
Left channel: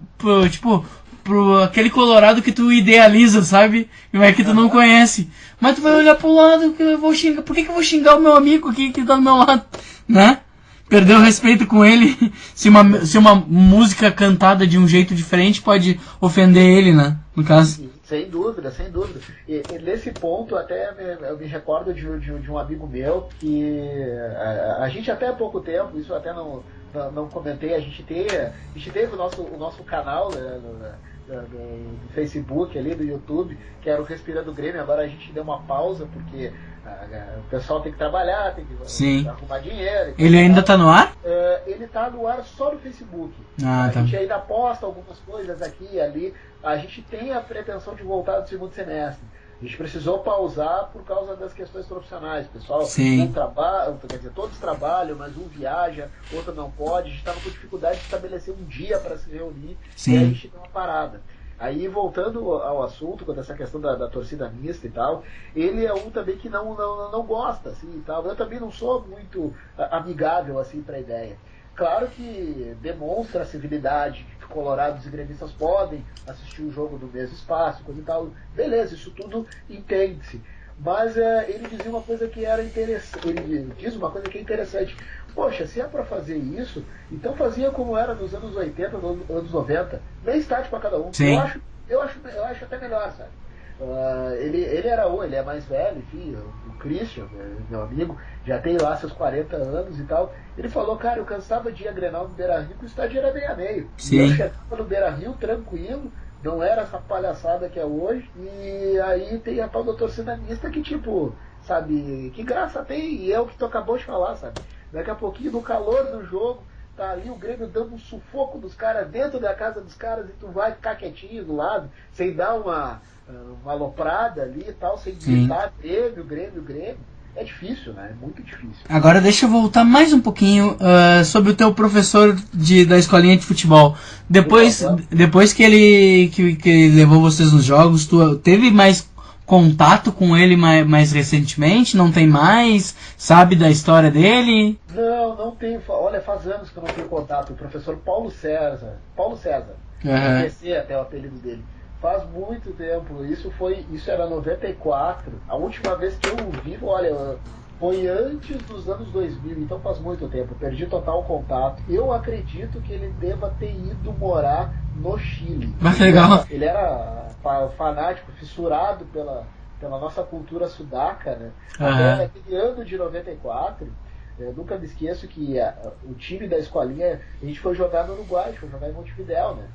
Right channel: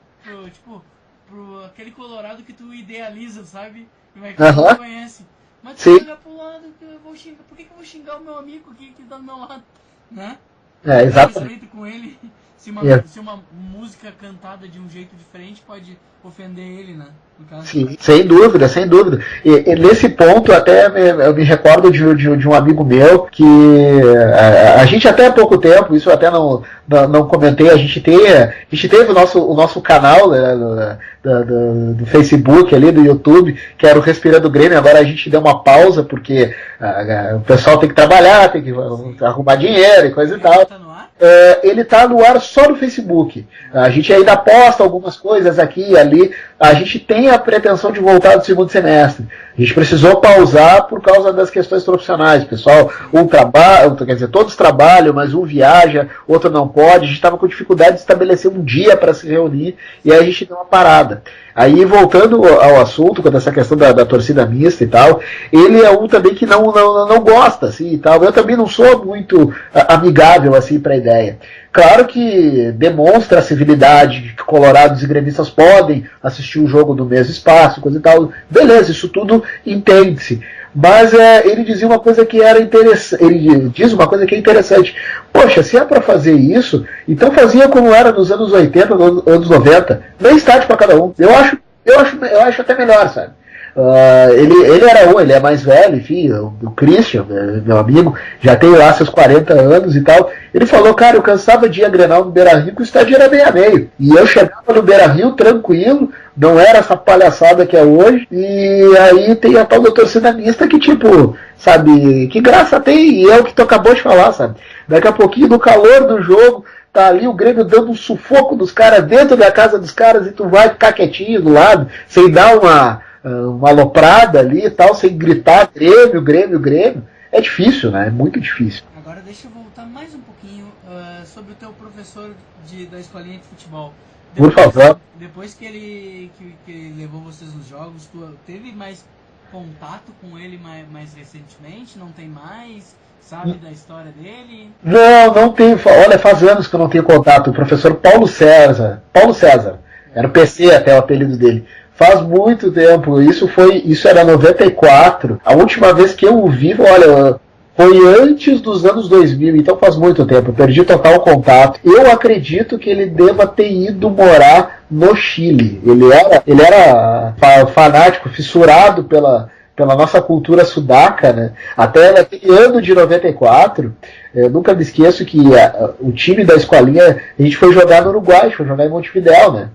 aquele colorado que tu idealiza, sabe? Mas que tu não conhece. Mas tu vai olhar pro lado, que eu vou xingar. Por que eu vou xingar o meu amigo aqui que tá do meu lado? Né? Perdeu o respeito com ele. Se uma música cantada de um jeito diferente pode ofender ele, né? no caso. Sim, sem dúvida, sem dúvida. E nesse ponto, até eu me recordo de um amigo meu que a gente até há pouco tempo, isso eu até não comentei, a gente teve o nosso canal, né, do Facebook ali, do YouTube, que era o Respirando Grêmio. Agora a gente deu uma pausa porque o pessoal tem que trabalhar, tem que arrumar dinheiro e coisa e tal. Ele ainda tá no ar? Ele tá no ar só no Facebook. A gente ainda posta algumas coisas aqui e ali. A gente tem a pretensão de voltar do segundo semestre. A gente precisou pausar por causa das questões profissionais. Pessoal, todos trabalham, mas um viaja, outro não pode. A gente estava com dificuldade de estabelecer um dia para se reunir. Sim. E aí a gente deu uma parada. Aí, voltando ao assunto, quando essa questão da torcida mista e tal, ele é um também que não gosta, assim, e tal. Eu também não sou muito amigável, assim, para a ideia. Claro que demonstra a civilidade, que colorados e gremistas podem assistir o jogo no mesmo espaço, coisa e tal. Beleza, isso tudo entende-se. Mas ele dizia uma coisa que era interessante. Ele diz uma coisa que é interessante. Poxa, se é para fazer isso, então fazia como era nos anos 80, nos anos 90. Nem estádio para cada um. Eu acho até melhor, sabe? Ele é mais velho, enfim, o Christian, meu amigo, já tem lá seus 40 anos e tal. Ele falou, cara, eu cansava de ir a Grenal no Beira-Rio, que o estádio era meio a meio. E eu chegava no Beira-Rio tranquilo, não era essa palhaçada que é hoje. E aí tem a tal da torcida mista que, tipo, sabe, que graça tem, e é o que tu acabou de falar, sabe? Daqui a pouquinho, no calor do jogo, tá ali o Grêmio dando um sufoco dos caras dentro da casa dos caras e tu vai ficar quietinho do lado, sem dar uma aloprada ali e tal, sem gritar Grêmio. É difícil, né? É muito difícil. Agora deixa eu voltar mais um pouquinho sobre o teu professor da escolinha de futebol. Depois que ele levou vocês nos jogos, tu teve mais contato com ele mais recentemente? Não tem mais? Sabe da história dele? Não tenho. Olha, faz anos que eu não tenho contato. O professor Paulo César. Era o PC até o apelido dele. Faz muito tempo, isso era 94. A última vez que eu o vi, olha, foi antes dos anos 2000, então faz muito tempo. Eu perdi total contato. Eu acredito que ele deva ter ido morar no Chile. Ele era fanático, fissurado pela nossa cultura sudaca, né? Até naquele ano de 94, eu nunca me esqueço que o time da escolinha, a gente foi jogar no Uruguai, foi jogar em Montevidéu, né?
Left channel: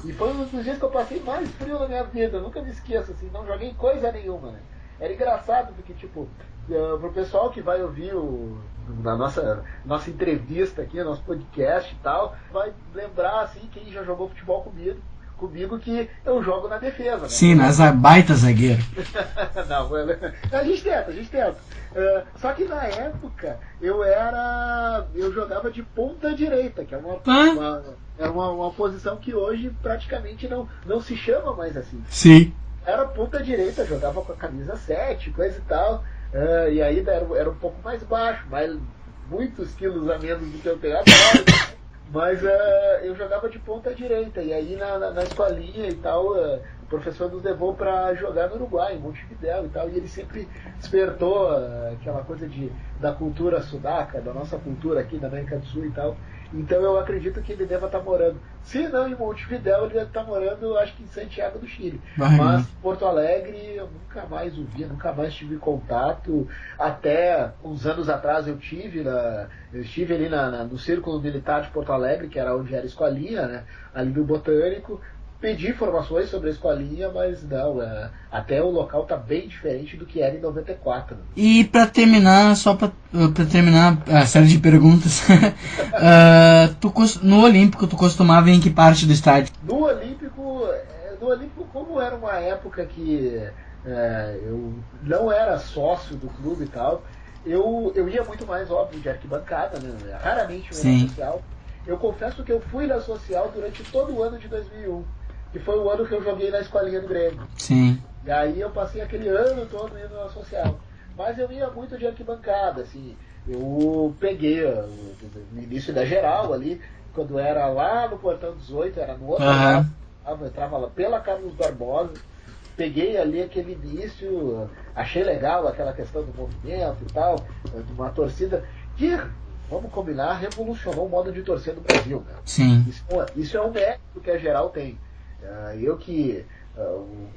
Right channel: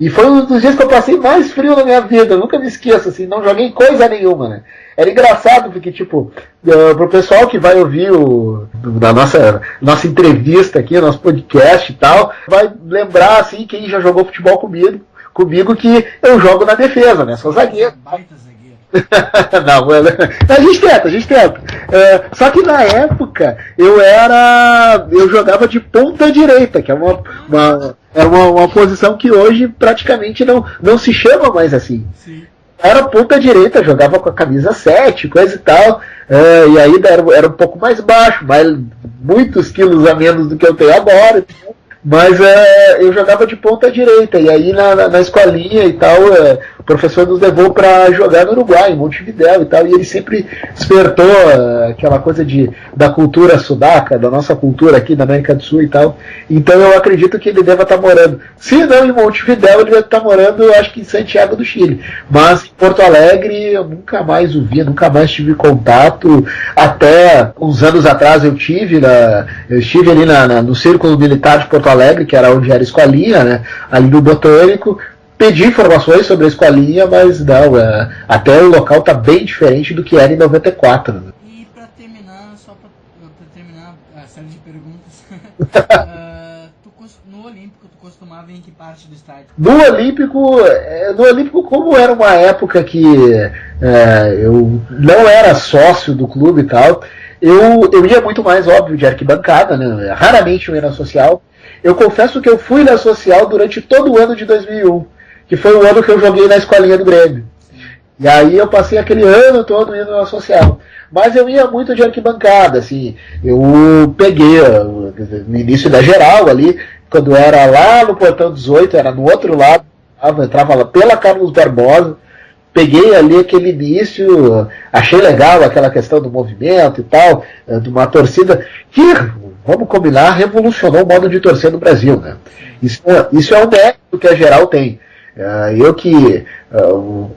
E foi um dos dias que eu passei mais frio na minha vida, eu nunca me esqueço, assim, não joguei coisa nenhuma, né? Era engraçado, porque, tipo, pro pessoal que vai ouvir da nossa entrevista aqui, nosso podcast e tal, vai lembrar, assim, quem já jogou futebol comigo que eu jogo na defesa, né? Sim, mas é baita zagueiro. Não, mano, a gente tenta. Só que na época eu jogava de ponta direita, que é uma posição que hoje praticamente não se chama mais assim. Sim. Era ponta direita, jogava com a camisa 7, coisa e tal. E aí era um pouco mais baixo, muitos quilos a menos do que eu tenho agora. Mas eu jogava de ponta direita, e aí na escolinha e tal, o professor nos levou para jogar no Uruguai, em Montevidéu e tal, e ele sempre despertou aquela coisa da cultura sudaca, da nossa cultura aqui na América do Sul e tal. Então eu acredito que ele deva estar morando, se não em Montevidéu, ele deve estar morando, acho que em Santiago do Chile. Mas em Porto Alegre eu nunca mais o vi, nunca mais tive contato. Até uns anos atrás eu estive ali no Círculo Militar de Porto Alegre, que era onde era a escolinha, né, ali no Botânico. Pedi informações sobre a escolinha, mas não, até o local tá bem diferente do que era em 94. Né? E para terminar, só para terminar a série de perguntas, no Olímpico tu costumava ir em que parte do estádio? No Olímpico, como era uma época que eu não era sócio do clube e tal, eu ia muito mais, óbvio, de arquibancada, né? Raramente eu ia na social. Eu confesso que eu fui na social durante todo o ano de 2001. Que foi o ano que eu joguei na escolinha do Grêmio. Sim. E aí eu passei aquele ano todo indo na social. Mas eu ia muito de arquibancada, assim. Eu peguei no início da geral ali, quando era lá no Portão 18, era no outro lado, eu entrava lá pela Carlos Barbosa, peguei ali aquele início, achei legal aquela questão do movimento e tal, de uma torcida que, vamos combinar, revolucionou o modo de torcer no Brasil, né? Sim. Isso é um mérito que a geral tem. Eu que,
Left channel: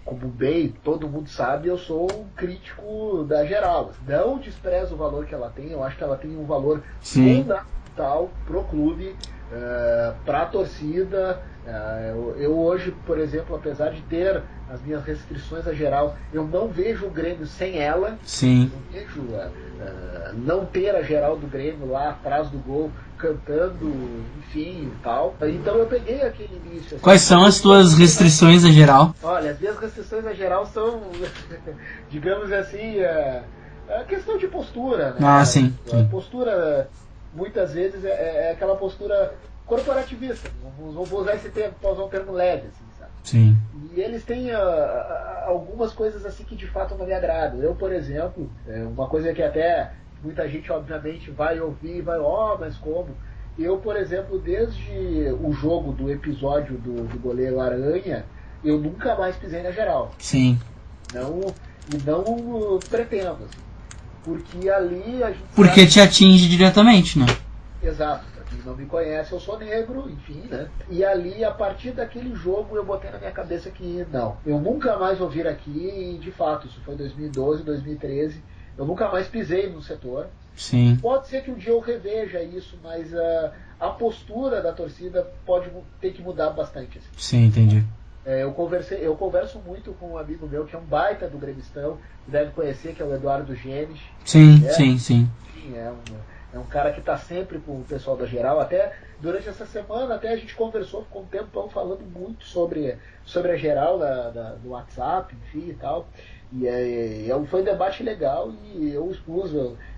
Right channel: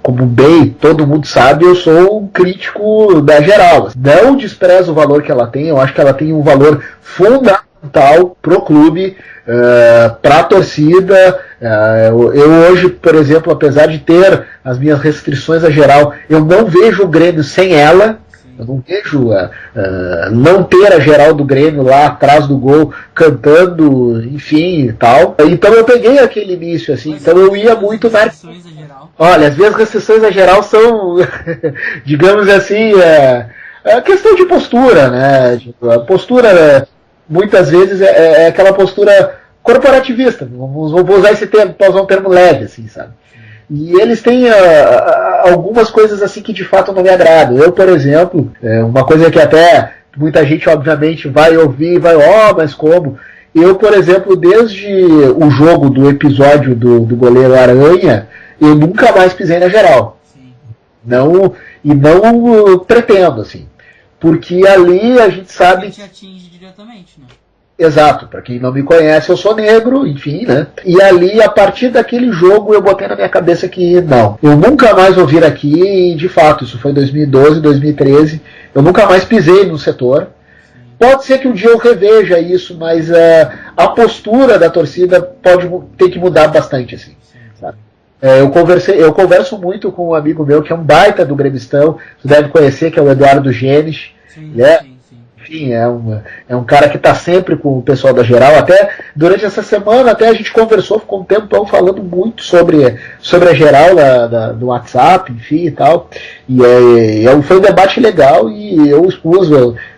como bem todo mundo sabe, eu sou um crítico da geral. Não desprezo o valor que ela tem, eu acho que ela tem um valor fundamental pro clube, para a torcida. Eu hoje, por exemplo, apesar de ter as minhas restrições a geral, eu não vejo o Grêmio sem ela. Sim. Eu não vejo não ter a geral do Grêmio lá atrás do gol cantando, enfim e tal. Então eu peguei aquele início assim. Quais então são as suas restrições a geral? Olha, as minhas restrições a geral são, digamos assim, a questão de postura, né? Sim. A postura muitas vezes é aquela postura corporativista. Vou usar esse termo, para usar um termo leve, assim, sabe? Sim. E eles têm algumas coisas assim que de fato não me agradam. Eu, por exemplo, uma coisa que até muita gente obviamente vai ouvir e vai, mas como? Eu, por exemplo, desde o jogo do episódio do goleiro Aranha, eu nunca mais pisei na geral. Sim. Não pretendo, assim. Porque ali a gente sabe... Porque te atinge diretamente, né? Exato, para quem não me conhece, eu sou negro, enfim, né? E ali, a partir daquele jogo, eu botei na minha cabeça que não, eu nunca mais vou vir aqui, e de fato, isso foi 2012, 2013, eu nunca mais pisei no setor. Sim. Pode ser que um dia eu reveja isso, mas a postura da torcida pode ter que mudar bastante, assim. Sim, entendi. Tá? Eu converso muito com um amigo meu que é um baita do gremistão, você deve conhecer, que é o Eduardo Genes. Sim, né? sim. Enfim, é um cara que está sempre com o pessoal da geral. Até durante essa semana até a gente conversou, ficou um tempão falando muito sobre a geral do WhatsApp, enfim e tal. E foi um debate legal e eu expus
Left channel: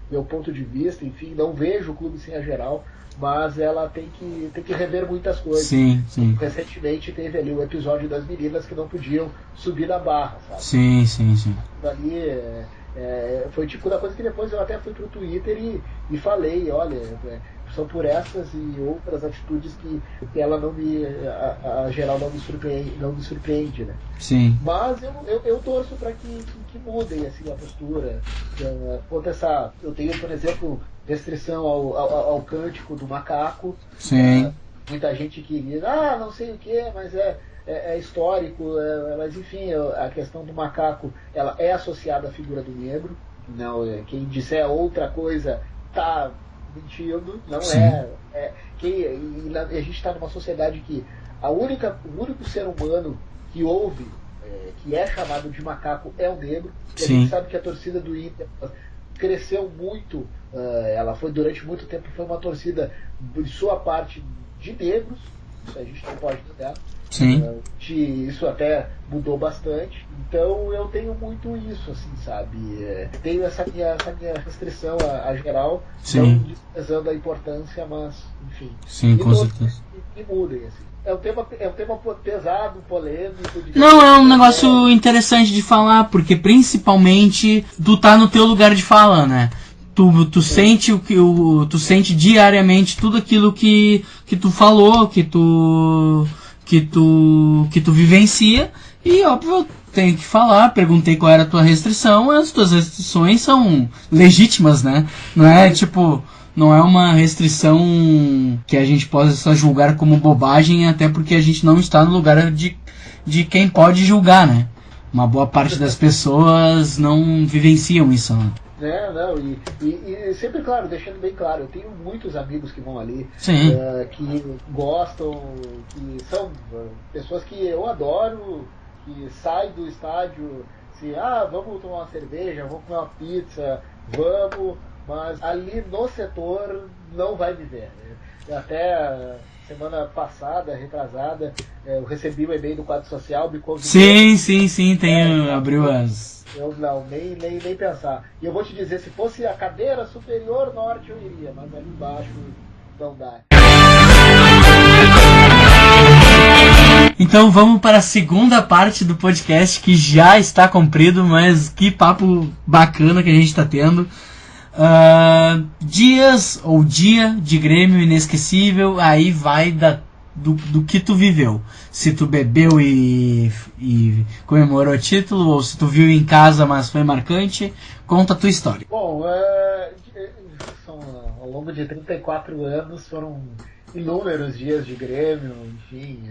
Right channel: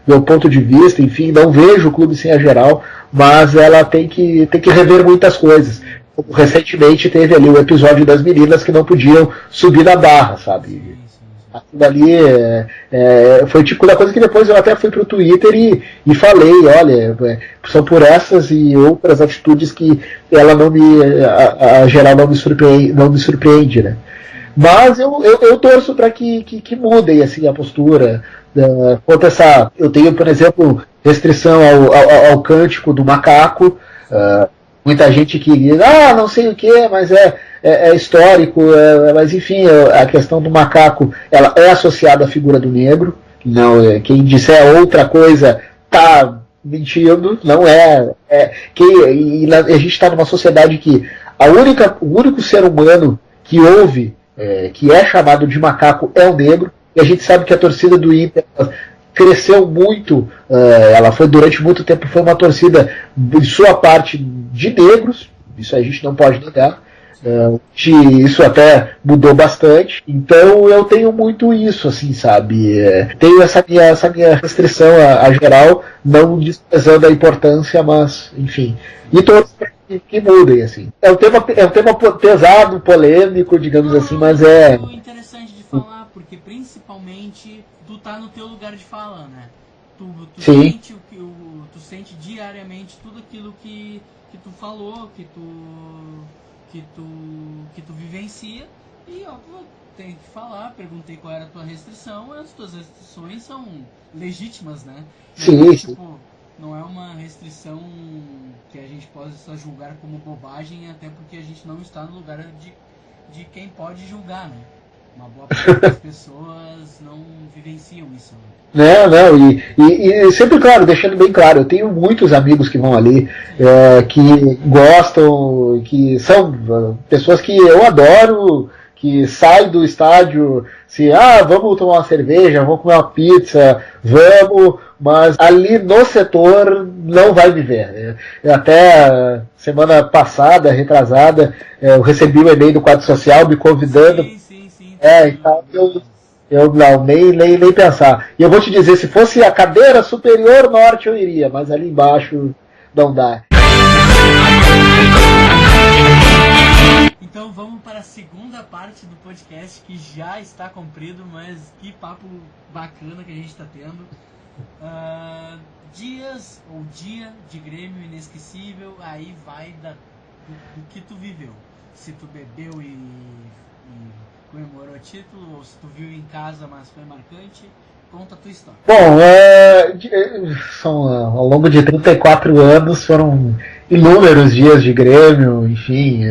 meu ponto de vista, enfim, não vejo o clube sem a geral, mas ela tem que rever muitas coisas. Sim. Recentemente teve ali o episódio das meninas que não podiam subir na barra, sabe? Sim. Aquilo ali foi tipo da coisa que depois eu até fui pro Twitter e falei, olha, são por essas e outras atitudes que ela a geral não me surpreende, né? Sim. Mas eu torço para que mudem assim, a postura. Quanto essa, eu tenho, por exemplo, restrição ao cântico do macaco. Muita gente que diz, não sei o que, mas é histórico, mas enfim, a questão do macaco ela é associada à figura do negro. Não, quem disser outra coisa tá mentindo, não é. E a gente está numa sociedade que o único ser humano que ouve, que é chamado de macaco, é o negro. E a gente sabe que a torcida do Inter cresceu muito, ela foi durante muito tempo foi uma torcida em sua parte de negros, isso a gente não pode negar. Isso até mudou bastante. Então eu tenho muito isso, assim, sabe? Tenho essa minha restrição a geral, não desprezando a importância, mas enfim. E todos que mudem, assim. É um tema pesado, polêmico, digamos assim. Não, é um negócio interessante de falar, porque principalmente tu tá no teu lugar de fala, né? Tu sente tu sente diariamente tudo aquilo que tu falou, que tu vivencia, e óbvio, tenho que falar, perguntei qual era a tua restrição, as tuas restrições são legítimas, né? Não é uma restrição que a gente possa julgar como bobagem, até porque a gente não está no lugar de quem pode julgar, né? Uma boa parte das pessoas não vivenciam isso, né? Não, e sempre, claro, deixando bem claro, eu tenho muitos amigos que vão ali, que gostam, que são pessoas que eu adoro, que saem do estádio, vamos tomar uma cerveja, vamos comer uma pizza, vamos, mas ali no setor não vai me ver. Até semana passada, retrasada, eu recebi um e-mail do quadro social me convidando. Sim, abriu as... Eu não, nem pensar. E eu vou te dizer, se fosse a cadeira superior norte eu iria, mas ali embaixo não dá. Então vamos para a segunda parte do podcast, que já está comprido, mas que papo bacana que a gente está tendo. Dias ou dia de Grêmio inesquecível, aí vai do que tu viveu. Se tu bebeu e comemorou o título, ou se tu viu em casa, mas foi marcante, conta a tua história. Bom, ao longo de 34 anos foram inúmeros dias de Grêmio, enfim.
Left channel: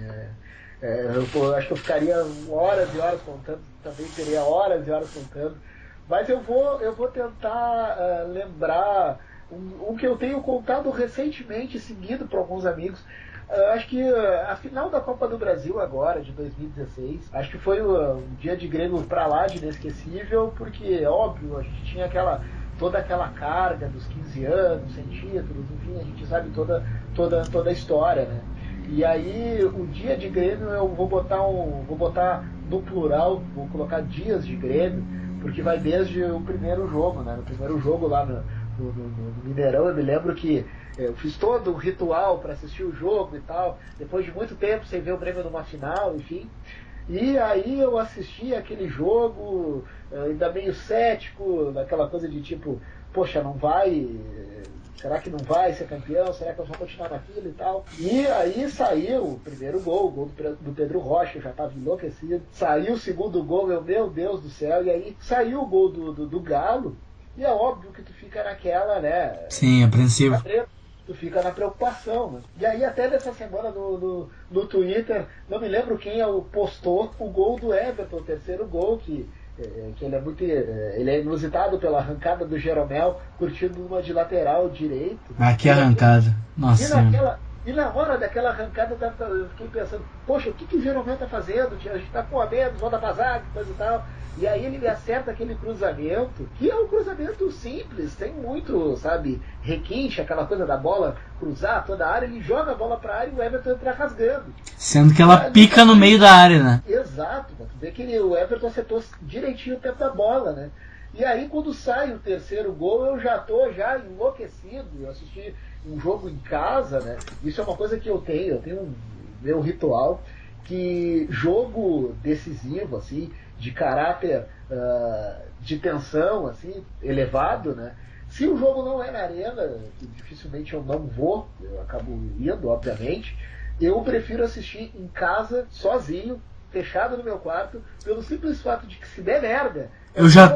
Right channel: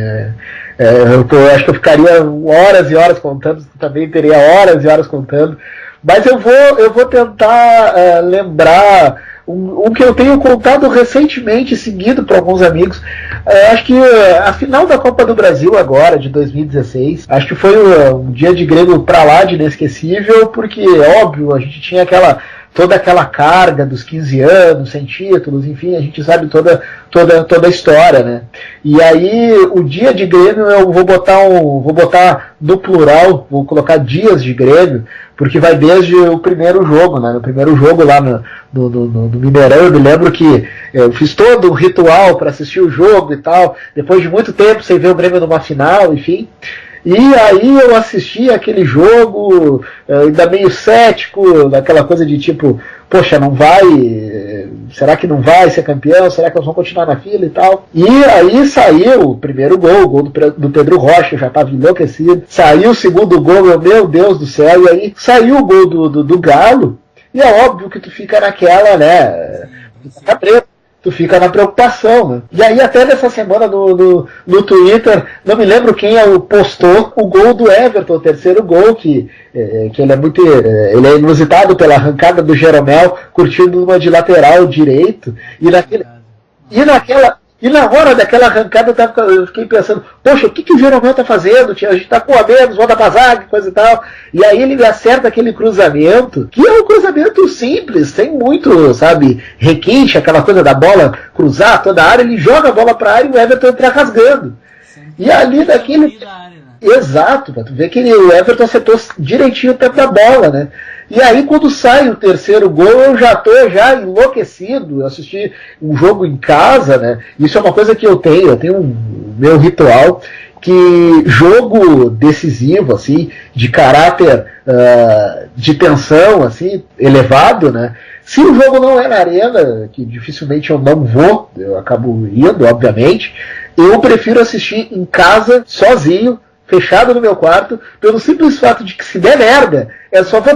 Eu acho que eu ficaria horas e horas contando, também teria horas e horas contando, mas eu vou tentar lembrar um que eu tenho contado recentemente, seguido por alguns amigos. Acho que a final da Copa do Brasil agora, de 2016, acho que foi um dia de Grêmio pra lá de inesquecível, porque, óbvio, a gente tinha toda aquela carga dos 15 anos, sem títulos, enfim, a gente sabe toda a história, né? E aí, o dia de Grêmio eu vou botar no plural, vou colocar dias de Grêmio, porque vai desde o primeiro jogo, né? No primeiro jogo lá no Mineirão, eu me lembro que eu fiz todo um ritual para assistir o jogo e tal, depois de muito tempo sem ver o Grêmio numa final, enfim. E aí eu assisti aquele jogo, ainda meio cético, daquela coisa de tipo, poxa, não vai, será que não vai ser campeão? Será que nós vamos continuar na fila e tal? E aí saiu o primeiro gol, o gol do Pedro Rocha, eu já estava enlouquecido. Saiu o segundo gol, meu Deus do céu, e aí saiu o gol do Galo, e é óbvio que tu fica naquela, né? Sim, apreensivo. Tu fica na preocupação, né? E aí até nessa semana no Twitter, não me lembro quem postou o gol do Everton, o terceiro gol, que ele é inusitado pela arrancada do Jeromel, curtindo uma de lateral direito. E na hora daquela arrancada eu fiquei pensando, poxa, o que o Jeromel tá fazendo? A gente tá com a menos, volta pra zaga, coisa e tal. E aí ele acerta aquele cruzamento, que é um cruzamento simples, sem muito, sabe, requinte, aquela coisa da bola cruzar toda a área, ele joga a bola pra área e o Everton entra rasgando. Sendo que ela pica no meio da área, né? Exato, tu vê que o Everton acertou direitinho o tempo da bola, né? E aí, quando sai o terceiro gol, eu já tô enlouquecido. Eu assisti um jogo em casa, né? Isso é uma coisa que eu tenho um meu ritual, que jogo decisivo, assim, de caráter de tensão, assim, elevado, né? Se o jogo não é na arena, que dificilmente eu não vou, eu acabo indo, obviamente, eu prefiro assistir em casa, sozinho, fechado no meu quarto, pelo simples fato de que se der merda, eu só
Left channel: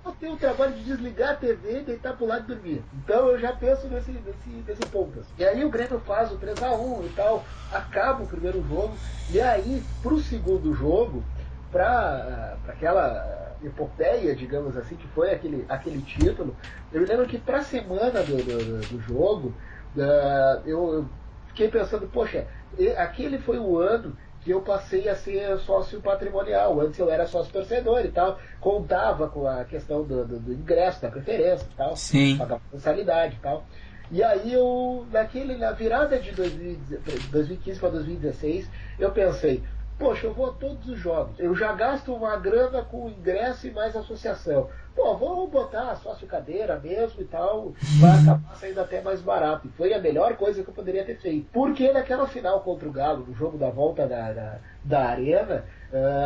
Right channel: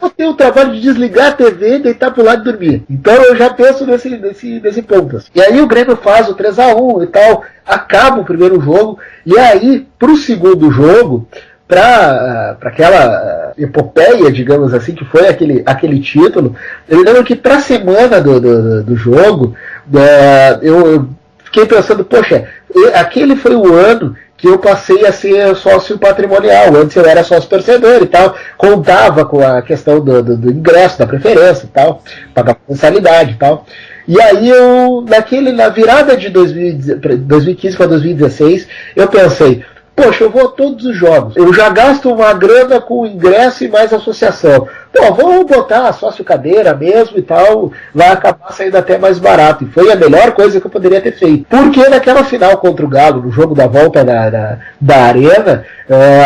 vou ter o trabalho de desligar a TV, deitar pro lado e dormir. Então eu já penso nesse ponto. E aí o Grêmio faz o 3-1 e tal, acaba o primeiro jogo, e aí pro segundo jogo, para aquela epopeia, digamos assim, que foi aquele título, eu lembro que pra semana do jogo, eu fiquei pensando, poxa, aquele foi o ano que eu passei a ser sócio patrimonial. Antes eu era sócio torcedor e tal, contava com a questão do ingresso, da preferência e tal, pagava mensalidade e tal. E aí na virada de 2015 para 2016, eu pensei, poxa, eu vou a todos os jogos, eu já gasto uma grana com ingresso e mais associação. Pô, vou botar sócio cadeira mesmo e tal, vai acabar saindo até mais barato. E foi a melhor coisa que eu poderia ter feito. Porque naquela final contra o Galo, no jogo da volta da Arena,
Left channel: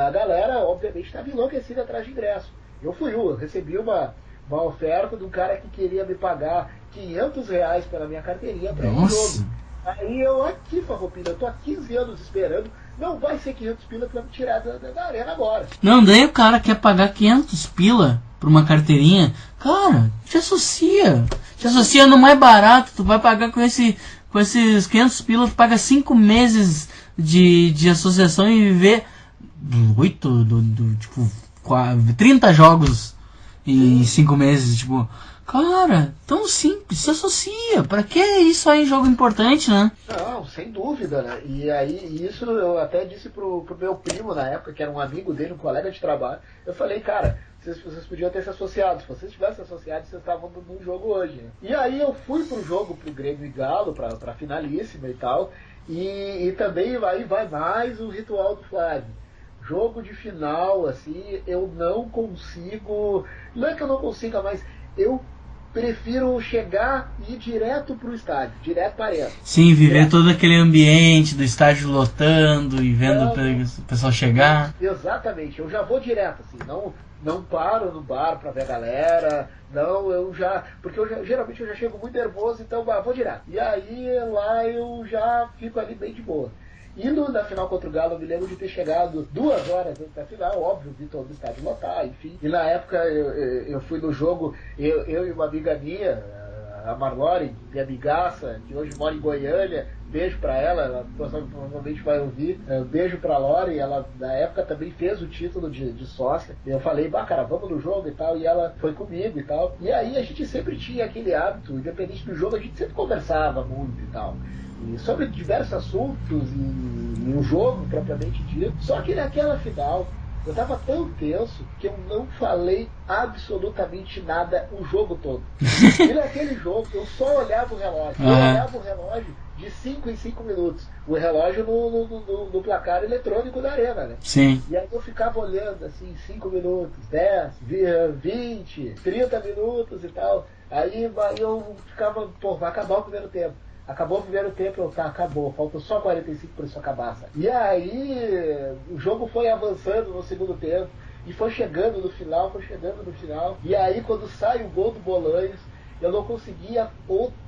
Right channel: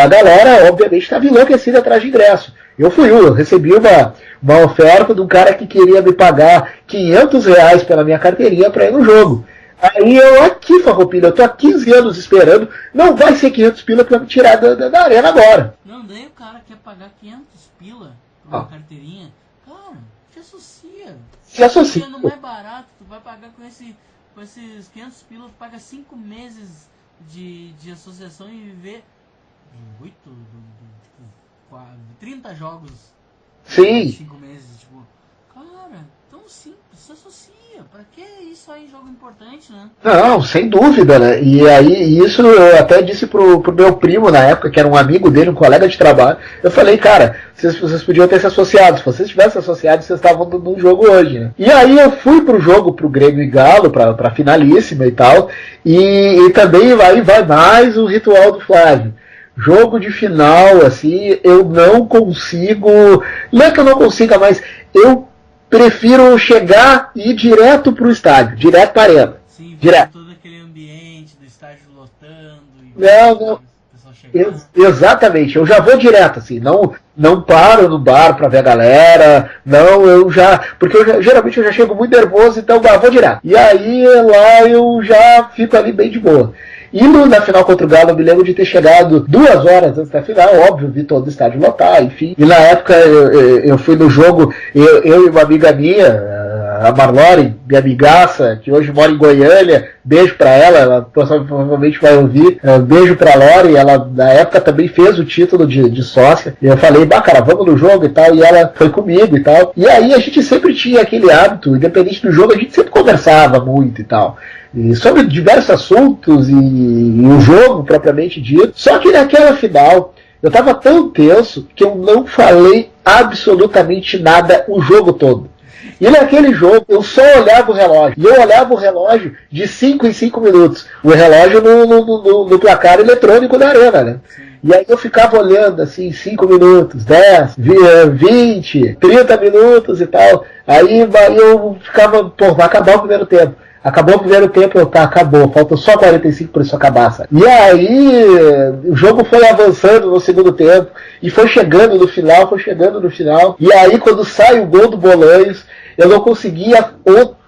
a galera, obviamente, estava enlouquecida atrás de ingresso. Eu recebi uma oferta de um cara que queria me pagar R$500 pela minha carteirinha para ir no jogo. Aí eu aqui, Farroupilha, eu tô há 15 anos esperando, não vai ser 500 pila pra me tirar da arena agora. Não, daí o cara quer pagar 500 pila por uma carteirinha, cara, te associa. Te associa no mais barato, tu vai pagar com esses 500 pila, tu paga 5 meses de associação e viver 30 jogos em 5 meses, tipo... Cara, tão simples, se associa. Pra que isso aí em jogo importante, né? Não, sem dúvida, né? E aí, isso eu até disse pro meu primo na época, que era um amigo dele, um colega de trabalho. Eu falei, cara, vocês podiam ter se associado. Se vocês tivessem associado, vocês estavam no jogo hoje, né? E aí eu fui pro jogo, pro Grêmio e Galo, pra finalíssima e tal. E também aí vai mais o ritual do Flávio. Jogo de final, assim, eu não consigo... Não é que eu não consiga, mas eu prefiro chegar e ir direto pro estádio, direto para a arena. Sim, virar todo aquele ambiente do estádio lotando e ver o pessoal chegar. Exatamente, eu já vou direto, assim, não paro no bar para ver a galera, porque geralmente eu já chego muito nervoso, então vou direto. E aí lá eu já fico ali bem de boa. E na final contra o Galo, eu me lembro de ter chegado 2 horas antes da final, óbvio, vi todo o estádio lotar, enfim. E na época eu fui no jogo, eu e uma amiga minha, a Marlore, minha amigaça, que hoje mora em Goiânia, beijo pra ela provavelmente vai ouvir, beijo pra Lore, ela na época também fez o título de sócia, e eu falei, cara, vamos no jogo e tal, e ela foi comigo e tal, e aí a gente sempre tinha aquele hábito, independente do jogo, a gente sempre conversava muito e tal, e sobre diversos assuntos e o jogo propriamente dito, só que naquela final eu tava tão tenso que eu não falei absolutamente nada o jogo todo. E naquele jogo eu só olhava o relógio. E eu olhava o relógio de 5 em 5 minutos. O relógio no placar eletrônico da arena, né? Sim. E aí eu ficava olhando assim, 5 minutos, 10, 20, 30 minutos e tal. Aí eu ficava, vai acabar o primeiro tempo. Acabou o primeiro tempo, acabou, faltam só 45 para isso acabar, sabe? E aí o jogo foi avançando no segundo tempo e foi chegando no final, e aí quando sai o gol do Bolanhos, eu não conseguia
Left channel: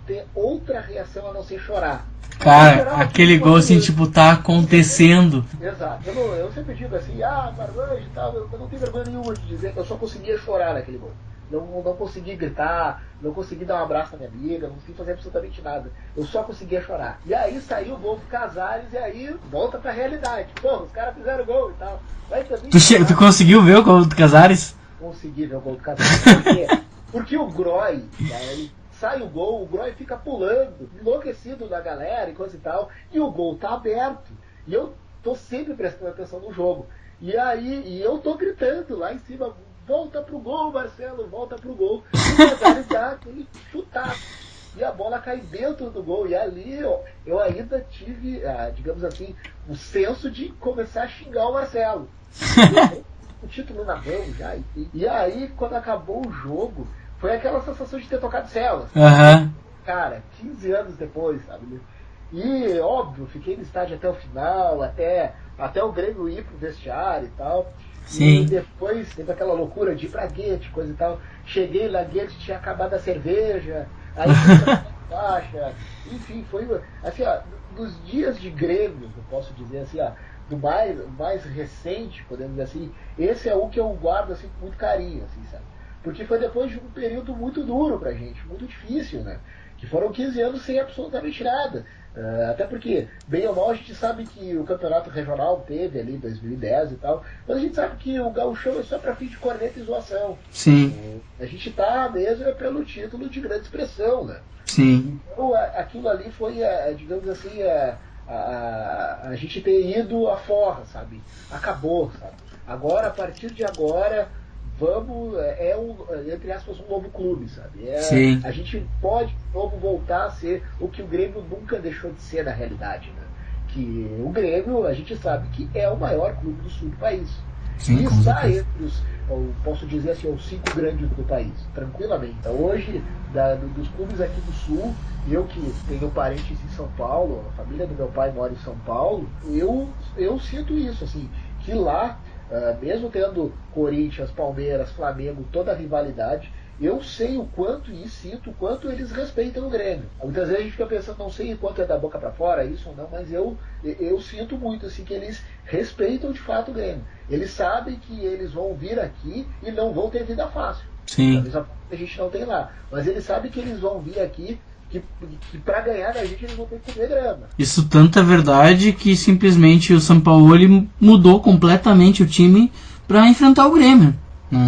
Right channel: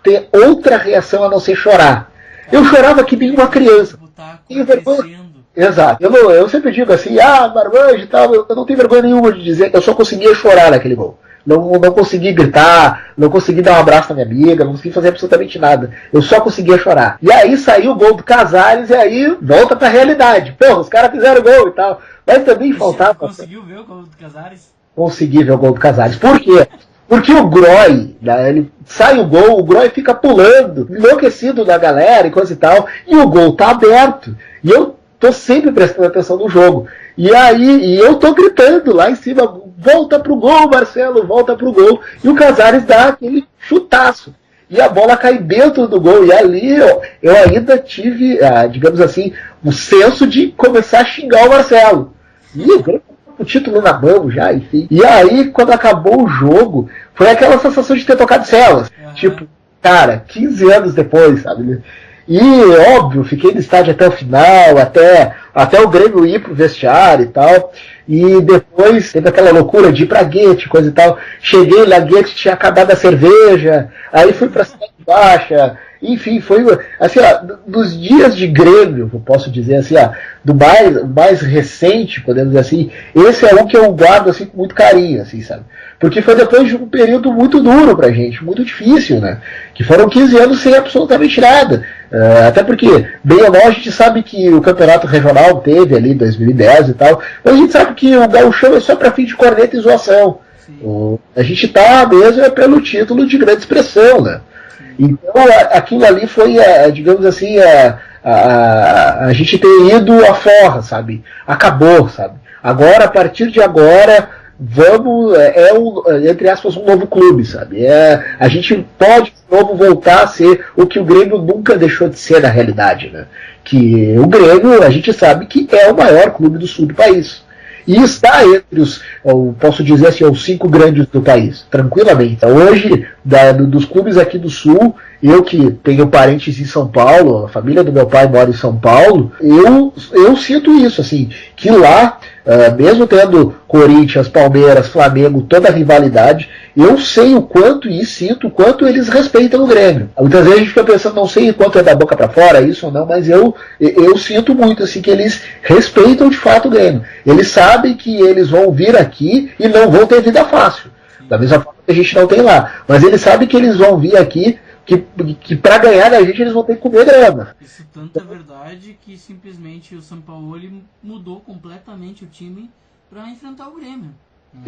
ter outra reação a não ser chorar. Cara, eu chorava que aquele nem uma gol criança. assim, tipo, tá acontecendo. Exato. Eu sempre digo assim, Marmanjo e tal, eu não tenho vergonha nenhuma de dizer, eu só conseguia chorar naquele gol. Não consegui gritar, não consegui dar um abraço na minha amiga, não consegui fazer absolutamente nada. Eu só conseguia chorar. E aí saiu o gol do Casares e aí volta pra realidade. Porra, os caras fizeram gol e tal. Mas também Tu conseguiu ver o gol do Casares? Consegui ver o gol do Casares. Por quê? Porque o Groy, né, ele sai o gol, o Groy fica pulando, enlouquecido da galera e coisa e tal, e o gol tá aberto. E eu tô sempre prestando atenção no jogo. E aí, eu tô gritando lá em cima, volta pro gol, Marcelo, volta pro gol. E o Casares dá aquele chutaço. E a bola cai dentro do gol. E ali eu ainda tive, digamos assim, o senso de começar a xingar o Marcelo. E o título na mão já, enfim. E aí, quando acabou o jogo, foi aquela sensação de ter tocado celas. Uhum. Cara, 15 anos depois, sabe? E, óbvio, fiquei no estádio até o final, até o Grêmio ir pro vestiário e tal. Sim. E depois teve aquela loucura de ir pra Guete, coisa e tal. Cheguei lá, Guete tinha acabado a cerveja, aí fui pra Cidade Baixa. Enfim, foi assim, dos dias de Grêmio, eu posso dizer assim, do mais recente, podemos dizer assim, esse é um que eu guardo assim, com muito carinho, assim, sabe? Porque foi depois de um período muito duro pra gente, muito difícil, né? Que foram 15 anos sem absolutamente nada. Até porque, bem ou mal, a gente sabe que o campeonato regional teve ali em 2010 e tal, mas a gente sabe que o gauchão é só pra fim de corneta e zoação. Sim. A gente tá mesmo pelo título de grande expressão, né? Sim. Então aquilo ali foi, digamos assim, a gente ter ido à forra, sabe? Acabou, sabe? Agora, a partir de agora, vamos, entre aspas, um novo clube, sabe? A gente pode de novo voltar a ser o que o Grêmio nunca deixou de ser na realidade, né? Que o Grêmio, a gente sabe que é o maior clube do sul do país. E está entre eu posso dizer assim, os 5 grandes do país, tranquilamente. Hoje, dos clubes aqui do Sul, eu que tenho parentes em São Paulo, a família do meu pai mora em São Paulo, eu sinto isso, assim, que lá, mesmo tendo Corinthians, Palmeiras, Flamengo, toda a rivalidade, eu sei o quanto e sinto o quanto eles respeitam o Grêmio. Muitas vezes a gente fica pensando, não sei quanto é da boca para fora, isso ou não, mas eu sinto muito assim, que eles respeitam de fato o Grêmio. Eles sabem que eles vão vir aqui e não vão ter vida fácil. Sim. Da mesma forma que a gente não tem lá. Mas eles sabem que eles vão vir aqui, que para ganhar da gente eles vão ter que comer grama. Isso tanto é verdade que simplesmente o Sampaoli mudou completamente o time para enfrentar o Grêmio.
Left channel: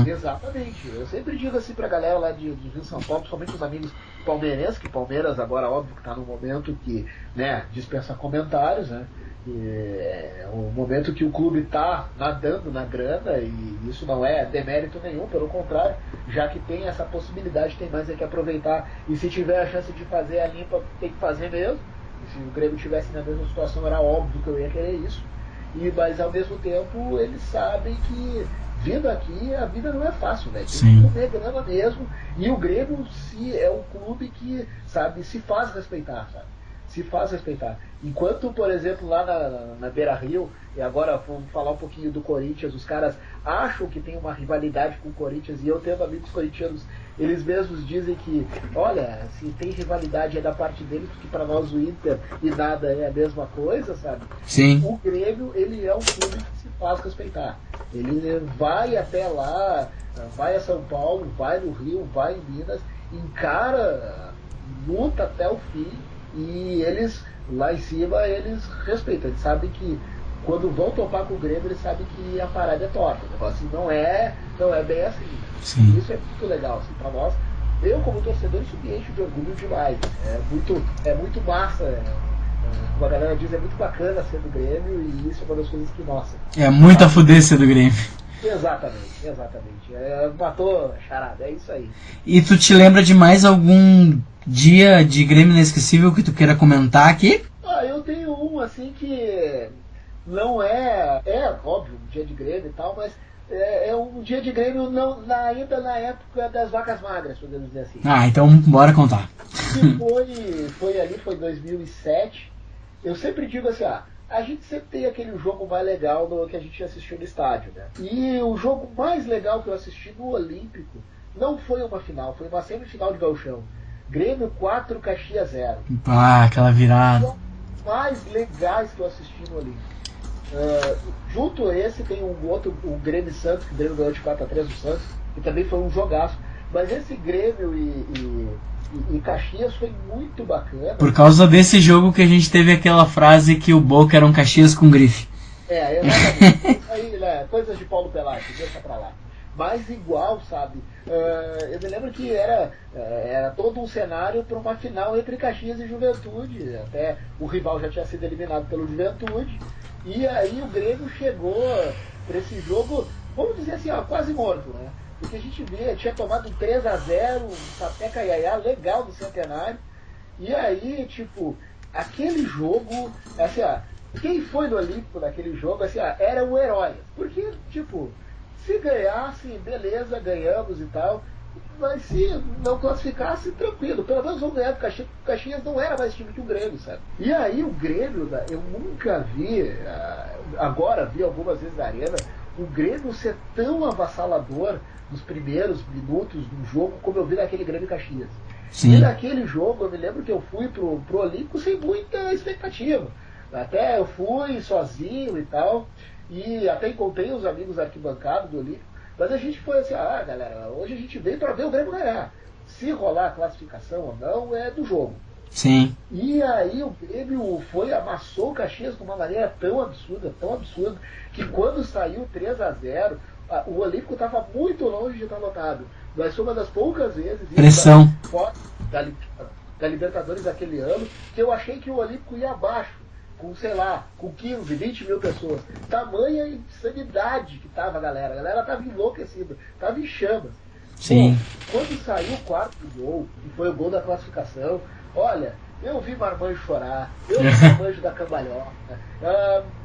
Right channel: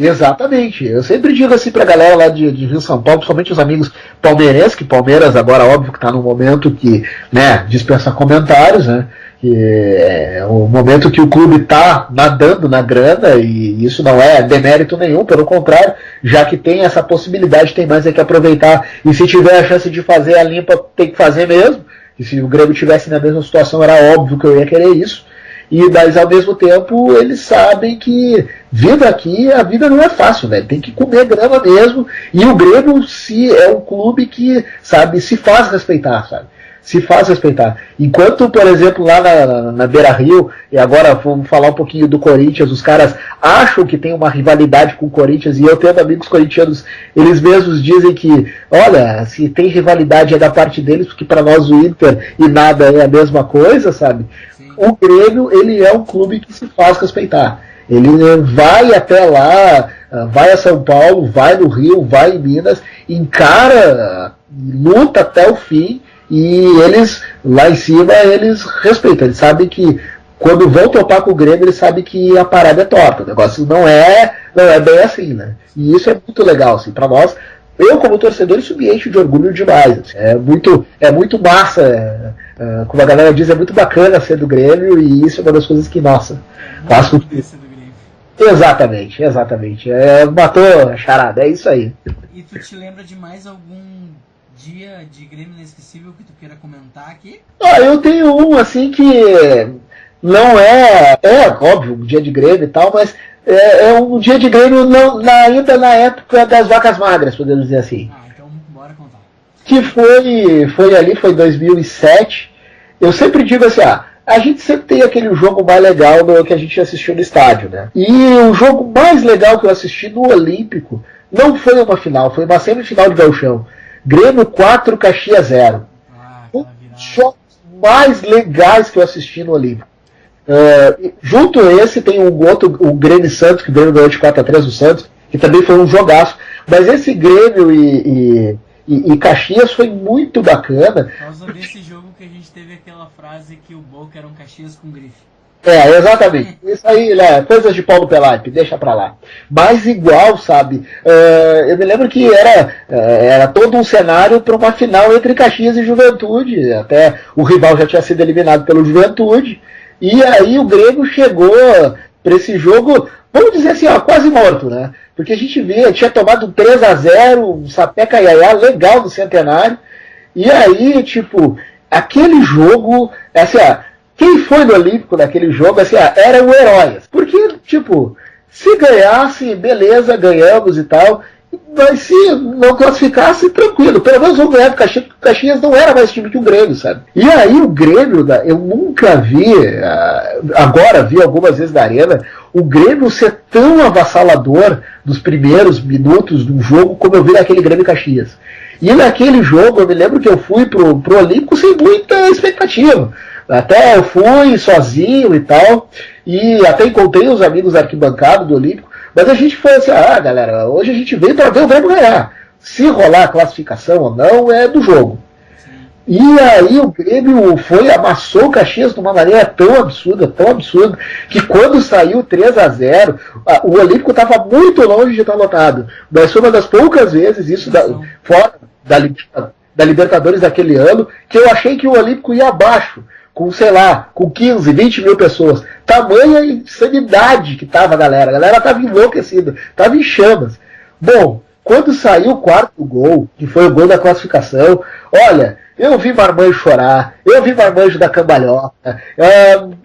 Exatamente. Eu sempre digo assim pra galera lá de Rio São Paulo, principalmente os amigos palmeirenses, que Palmeiras agora óbvio que tá num momento que, né, dispensa comentários, né? Que é o momento que o clube tá nadando na grana, e isso não é demérito nenhum, pelo contrário, já que tem essa possibilidade, tem mais é que aproveitar, e se tiver a chance de fazer a limpa, tem que fazer mesmo. E se o Grêmio tivesse na mesma situação, era óbvio que eu ia querer isso. Mas ao mesmo tempo eles sabem que vindo aqui a vida não é fácil, né? Tem que comer grama mesmo. E o Grêmio é um clube que, sabe, se faz respeitar, sabe? Se faz respeitar. Enquanto, por exemplo, lá na Beira-Rio, e agora vamos falar um pouquinho do Corinthians, os caras acham que tem uma rivalidade com o Corinthians, e eu tendo amigos corintianos, eles mesmos dizem que, olha, se tem rivalidade é da parte deles, porque para nós o Inter e nada é a mesma coisa, sabe? Sim. O Grêmio, ele é um clube que se faz respeitar. Ele vai até lá, vai a São Paulo, vai no Rio, vai em Minas, encara luta até o fim, e eles, lá em cima, eles respeitam, eles sabem que quando vão topar com o Grêmio, eles sabem que a parada é torta, o negócio não é bem assim, né? Sim. E isso é muito legal, assim, pra nós. Eu, como torcedor, isso me enche de orgulho demais. Assim, é muito massa, como a galera diz, é muito bacana ser do Grêmio, e isso é uma das coisas que, nossa... É muito a fuder ser do Grêmio. Exatamente. Matou a charada, é isso aí. E tu te lembra de mais algum dia de Grêmio inesquecível que tu queira comentar aqui? Eu tenho um, assim, que não é óbvio, um dia de Grêmio e tal, mas é um dia de Grêmio ainda na época das vacas magras, podemos dizer assim. Então bora contar. Que foi 2007. Eu sempre digo assim, a gente sempre tem aquele jogo mais legal que a gente assistiu no estádio, né? E o jogo mais legal que eu assisti no Olímpico não foi uma final, foi uma semifinal de Gauchão. Grêmio 4, Caxias 0. Aquela virada. Os jogos mais legais que eu assisti no Olímpico. Junto a esse tem o Grêmio Santos, que o Grêmio ganhou de 4-3 do Santos, que também foi um jogaço. Mas esse Grêmio e Caxias foi muito bacana. Por causa desse jogo que a gente teve aquela frase que o Boca era um Caxias com grife. Exatamente. Isso aí, né? Coisas de Paulo Pelati, deixa pra lá. Mas igual, sabe? Eu me lembro que era todo um cenário para uma final entre Caxias e Juventude. Até o rival já tinha sido eliminado pelo Juventude. E aí o Grêmio chegou para esse jogo, vamos dizer assim, quase morto, né? Porque a gente tinha tomado um 3-0, um sapeca iaiá legal do Centenário. E aí, tipo, aquele jogo, assim, quem foi no Olímpico naquele jogo, assim, era o herói. Porque, tipo, se ganhasse, beleza, ganhamos e tal. Mas se não classificasse, tranquilo. Pelo menos vamos ganhar, porque o Caxias não era mais time que o Grêmio, sabe? E aí o Grêmio, eu nunca vi, agora vi algumas vezes na arena, o Grêmio ser tão avassalador nos primeiros minutos do jogo como eu vi naquele Grêmio Caxias. Sim. E naquele jogo, eu me lembro que eu fui pro Olímpico sem muita expectativa. Até eu fui sozinho e tal, e até encontrei os amigos arquibancados do Olímpico, mas a gente foi assim, galera, hoje a gente veio para ver o Grêmio ganhar. Se rolar a classificação ou não, é do jogo. Sim. E aí o Grêmio amassou o Caxias de uma maneira tão absurda, que quando saiu 3-0, o Olímpico estava muito longe de estar lotado. Mas foi uma das poucas vezes, isso fora da Libertadores daquele ano, que eu achei que o Olímpico ia abaixo. Com, sei lá, com 15, 20 mil pessoas. Tamanha insanidade que tava a galera tava enlouquecida, tava em chamas. Sim. Bom, quando saiu o quarto gol, que foi o gol da classificação, olha, eu vi marmanjo chorar, eu vi marmanjo da cambalhota,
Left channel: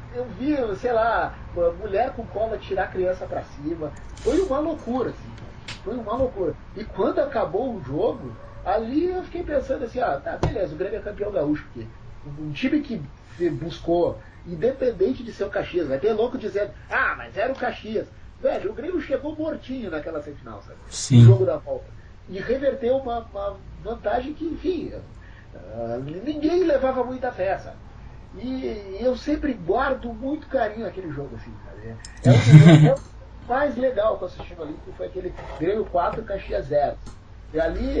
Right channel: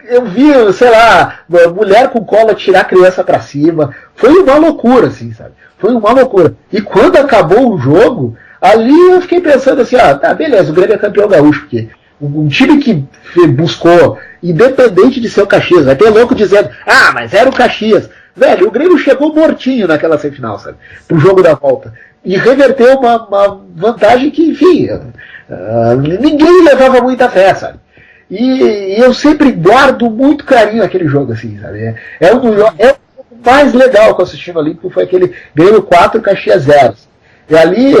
eu vi, sei lá, mulher com cola tirar a criança pra cima. Foi uma loucura, assim, sabe? Foi uma loucura. E quando acabou o jogo, ali eu fiquei pensando assim, beleza, o Grêmio é campeão gaúcho, porque um time que buscou, independente de ser o Caxias, vai ter louco dizendo, mas era o Caxias. Velho, o Grêmio chegou mortinho naquela semifinal, sabe? Sim. O jogo da volta. E reverteu uma vantagem que, enfim, ninguém levava muita fé, sabe? E eu sempre guardo muito carinho aquele jogo, assim, sabe? O mais legal que eu assisti no Olímpico foi aquele Grêmio 4, Caxias 0. E ali,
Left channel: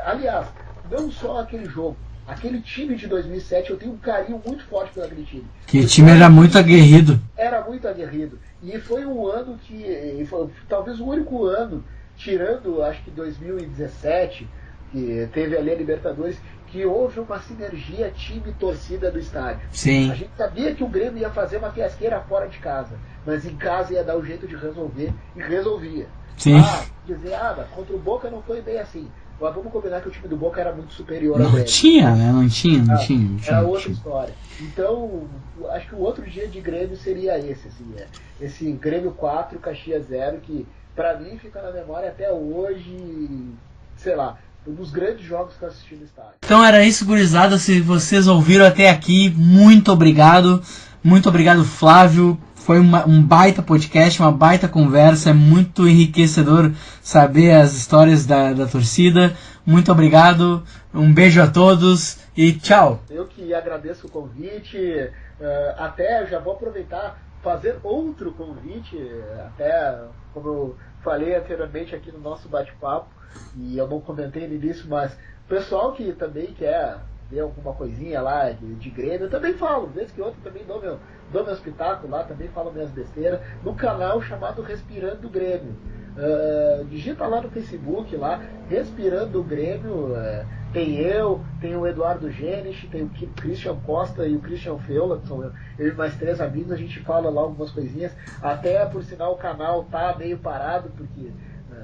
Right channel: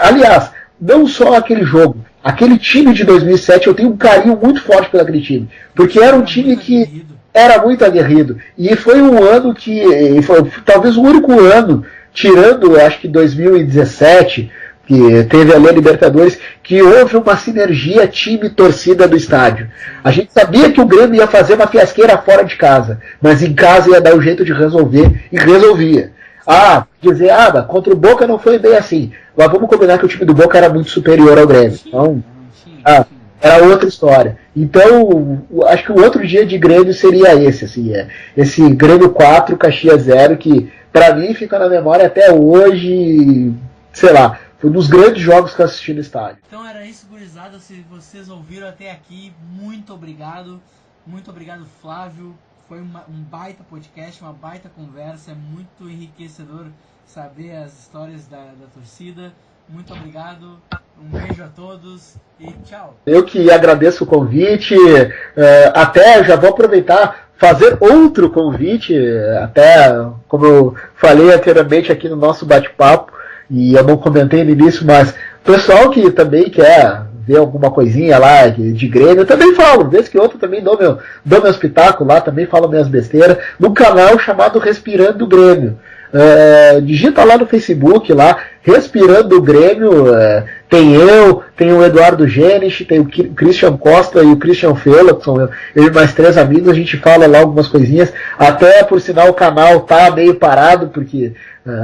aliás, não só aquele jogo, aquele time de 2007, eu tenho um carinho muito forte pelo aquele time. Porque o time era muito aguerrido. Era muito aguerrido. E foi um ano que, foi talvez o único ano, tirando, acho que 2017, que teve ali a Libertadores, que houve uma sinergia time-torcida do estádio. Sim. A gente sabia que o Grêmio ia fazer uma fiasqueira fora de casa, mas em casa ia dar um jeito de resolver, e resolvia. Sim. Dizer, contra o Boca não foi bem assim. Mas vamos combinar que o time do Boca era muito superior ao Grêmio. Não tinha. Era outra história. Então, acho que o outro dia de Grêmio seria esse, assim, esse Grêmio 4, Caxias 0, que pra mim fica na memória até hoje, sei lá, foi um dos grandes jogos que eu assisti no estádio. Então era isso, gurizada. Se vocês ouviram até aqui, muito obrigado. Muito obrigado, Flávio. Foi um baita podcast, uma baita conversa, é muito enriquecedor saber as histórias da torcida. Muito obrigado, um beijo a todos e tchau. Eu que agradeço o convite, até já vou aproveitar, fazer outro convite, até como eu falei anteriormente aqui no nosso bate-papo, e eu não comentei no início, mas Pessoal que também quer ver alguma coisinha lá de Grêmio, eu também falo, vez que outra também dou meus pitacos lá, também falo minhas besteiras, no canal chamado Respirando Grêmio. Digita lá no Facebook, lá, Respirando Grêmio, tem o Eduardo Genich, tem o Christian Costa e o Christian Feula, que são eu e mais 3 amigos, a gente fala lá algumas coisinhas, até por sinal o canal tá meio parado, porque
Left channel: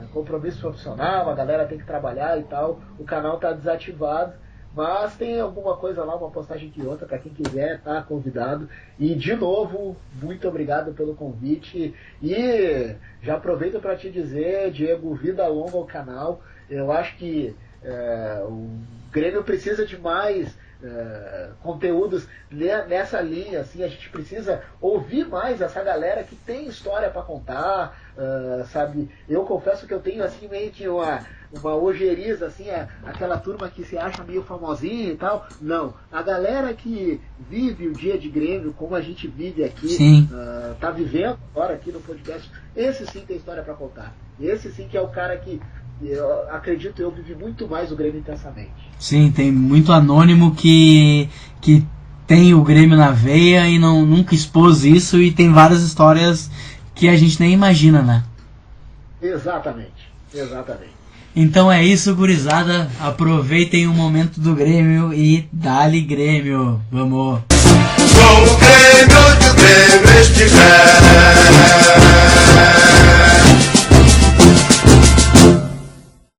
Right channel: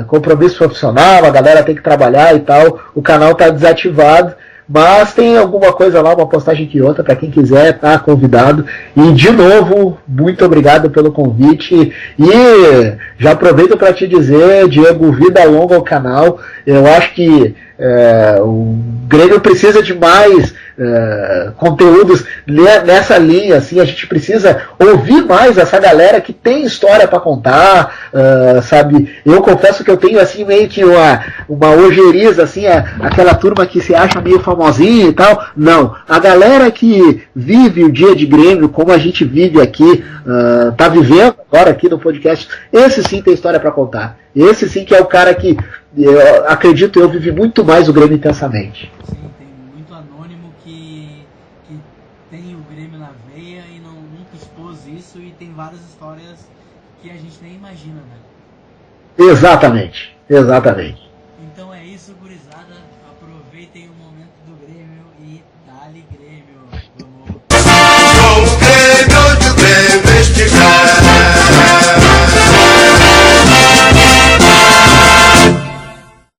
compromisso profissional, a galera tem que trabalhar e tal, o canal tá desativado, mas tem alguma coisa lá, uma postagem que outra, para quem quiser, tá convidado. E de novo, muito obrigado pelo convite. E já aproveito para te dizer, Diego, vida longa ao canal. Eu acho que o Grêmio precisa de mais conteúdos nessa linha, assim, a gente precisa ouvir mais essa galera que tem história para contar, sabe? Eu confesso que eu tenho assim meio que uma ojeriza, assim, aquela turma que se acha meio famosinha e tal. Não, a galera que vive o dia de Grêmio como a gente vive aqui, tá vivendo agora aqui no podcast, esse sim tem história para contar. Esse sim que é o cara que eu acredito, eu vivi muito mais o Grêmio intensamente. Sim, tem muito anônimo que tem o Grêmio na veia e nunca expôs isso, e tem várias histórias que a gente nem imagina, né? Exatamente. Então é isso, gurizada. Aproveitem o momento do Grêmio e dá-lhe Grêmio. Vamos! Com o Grêmio estiver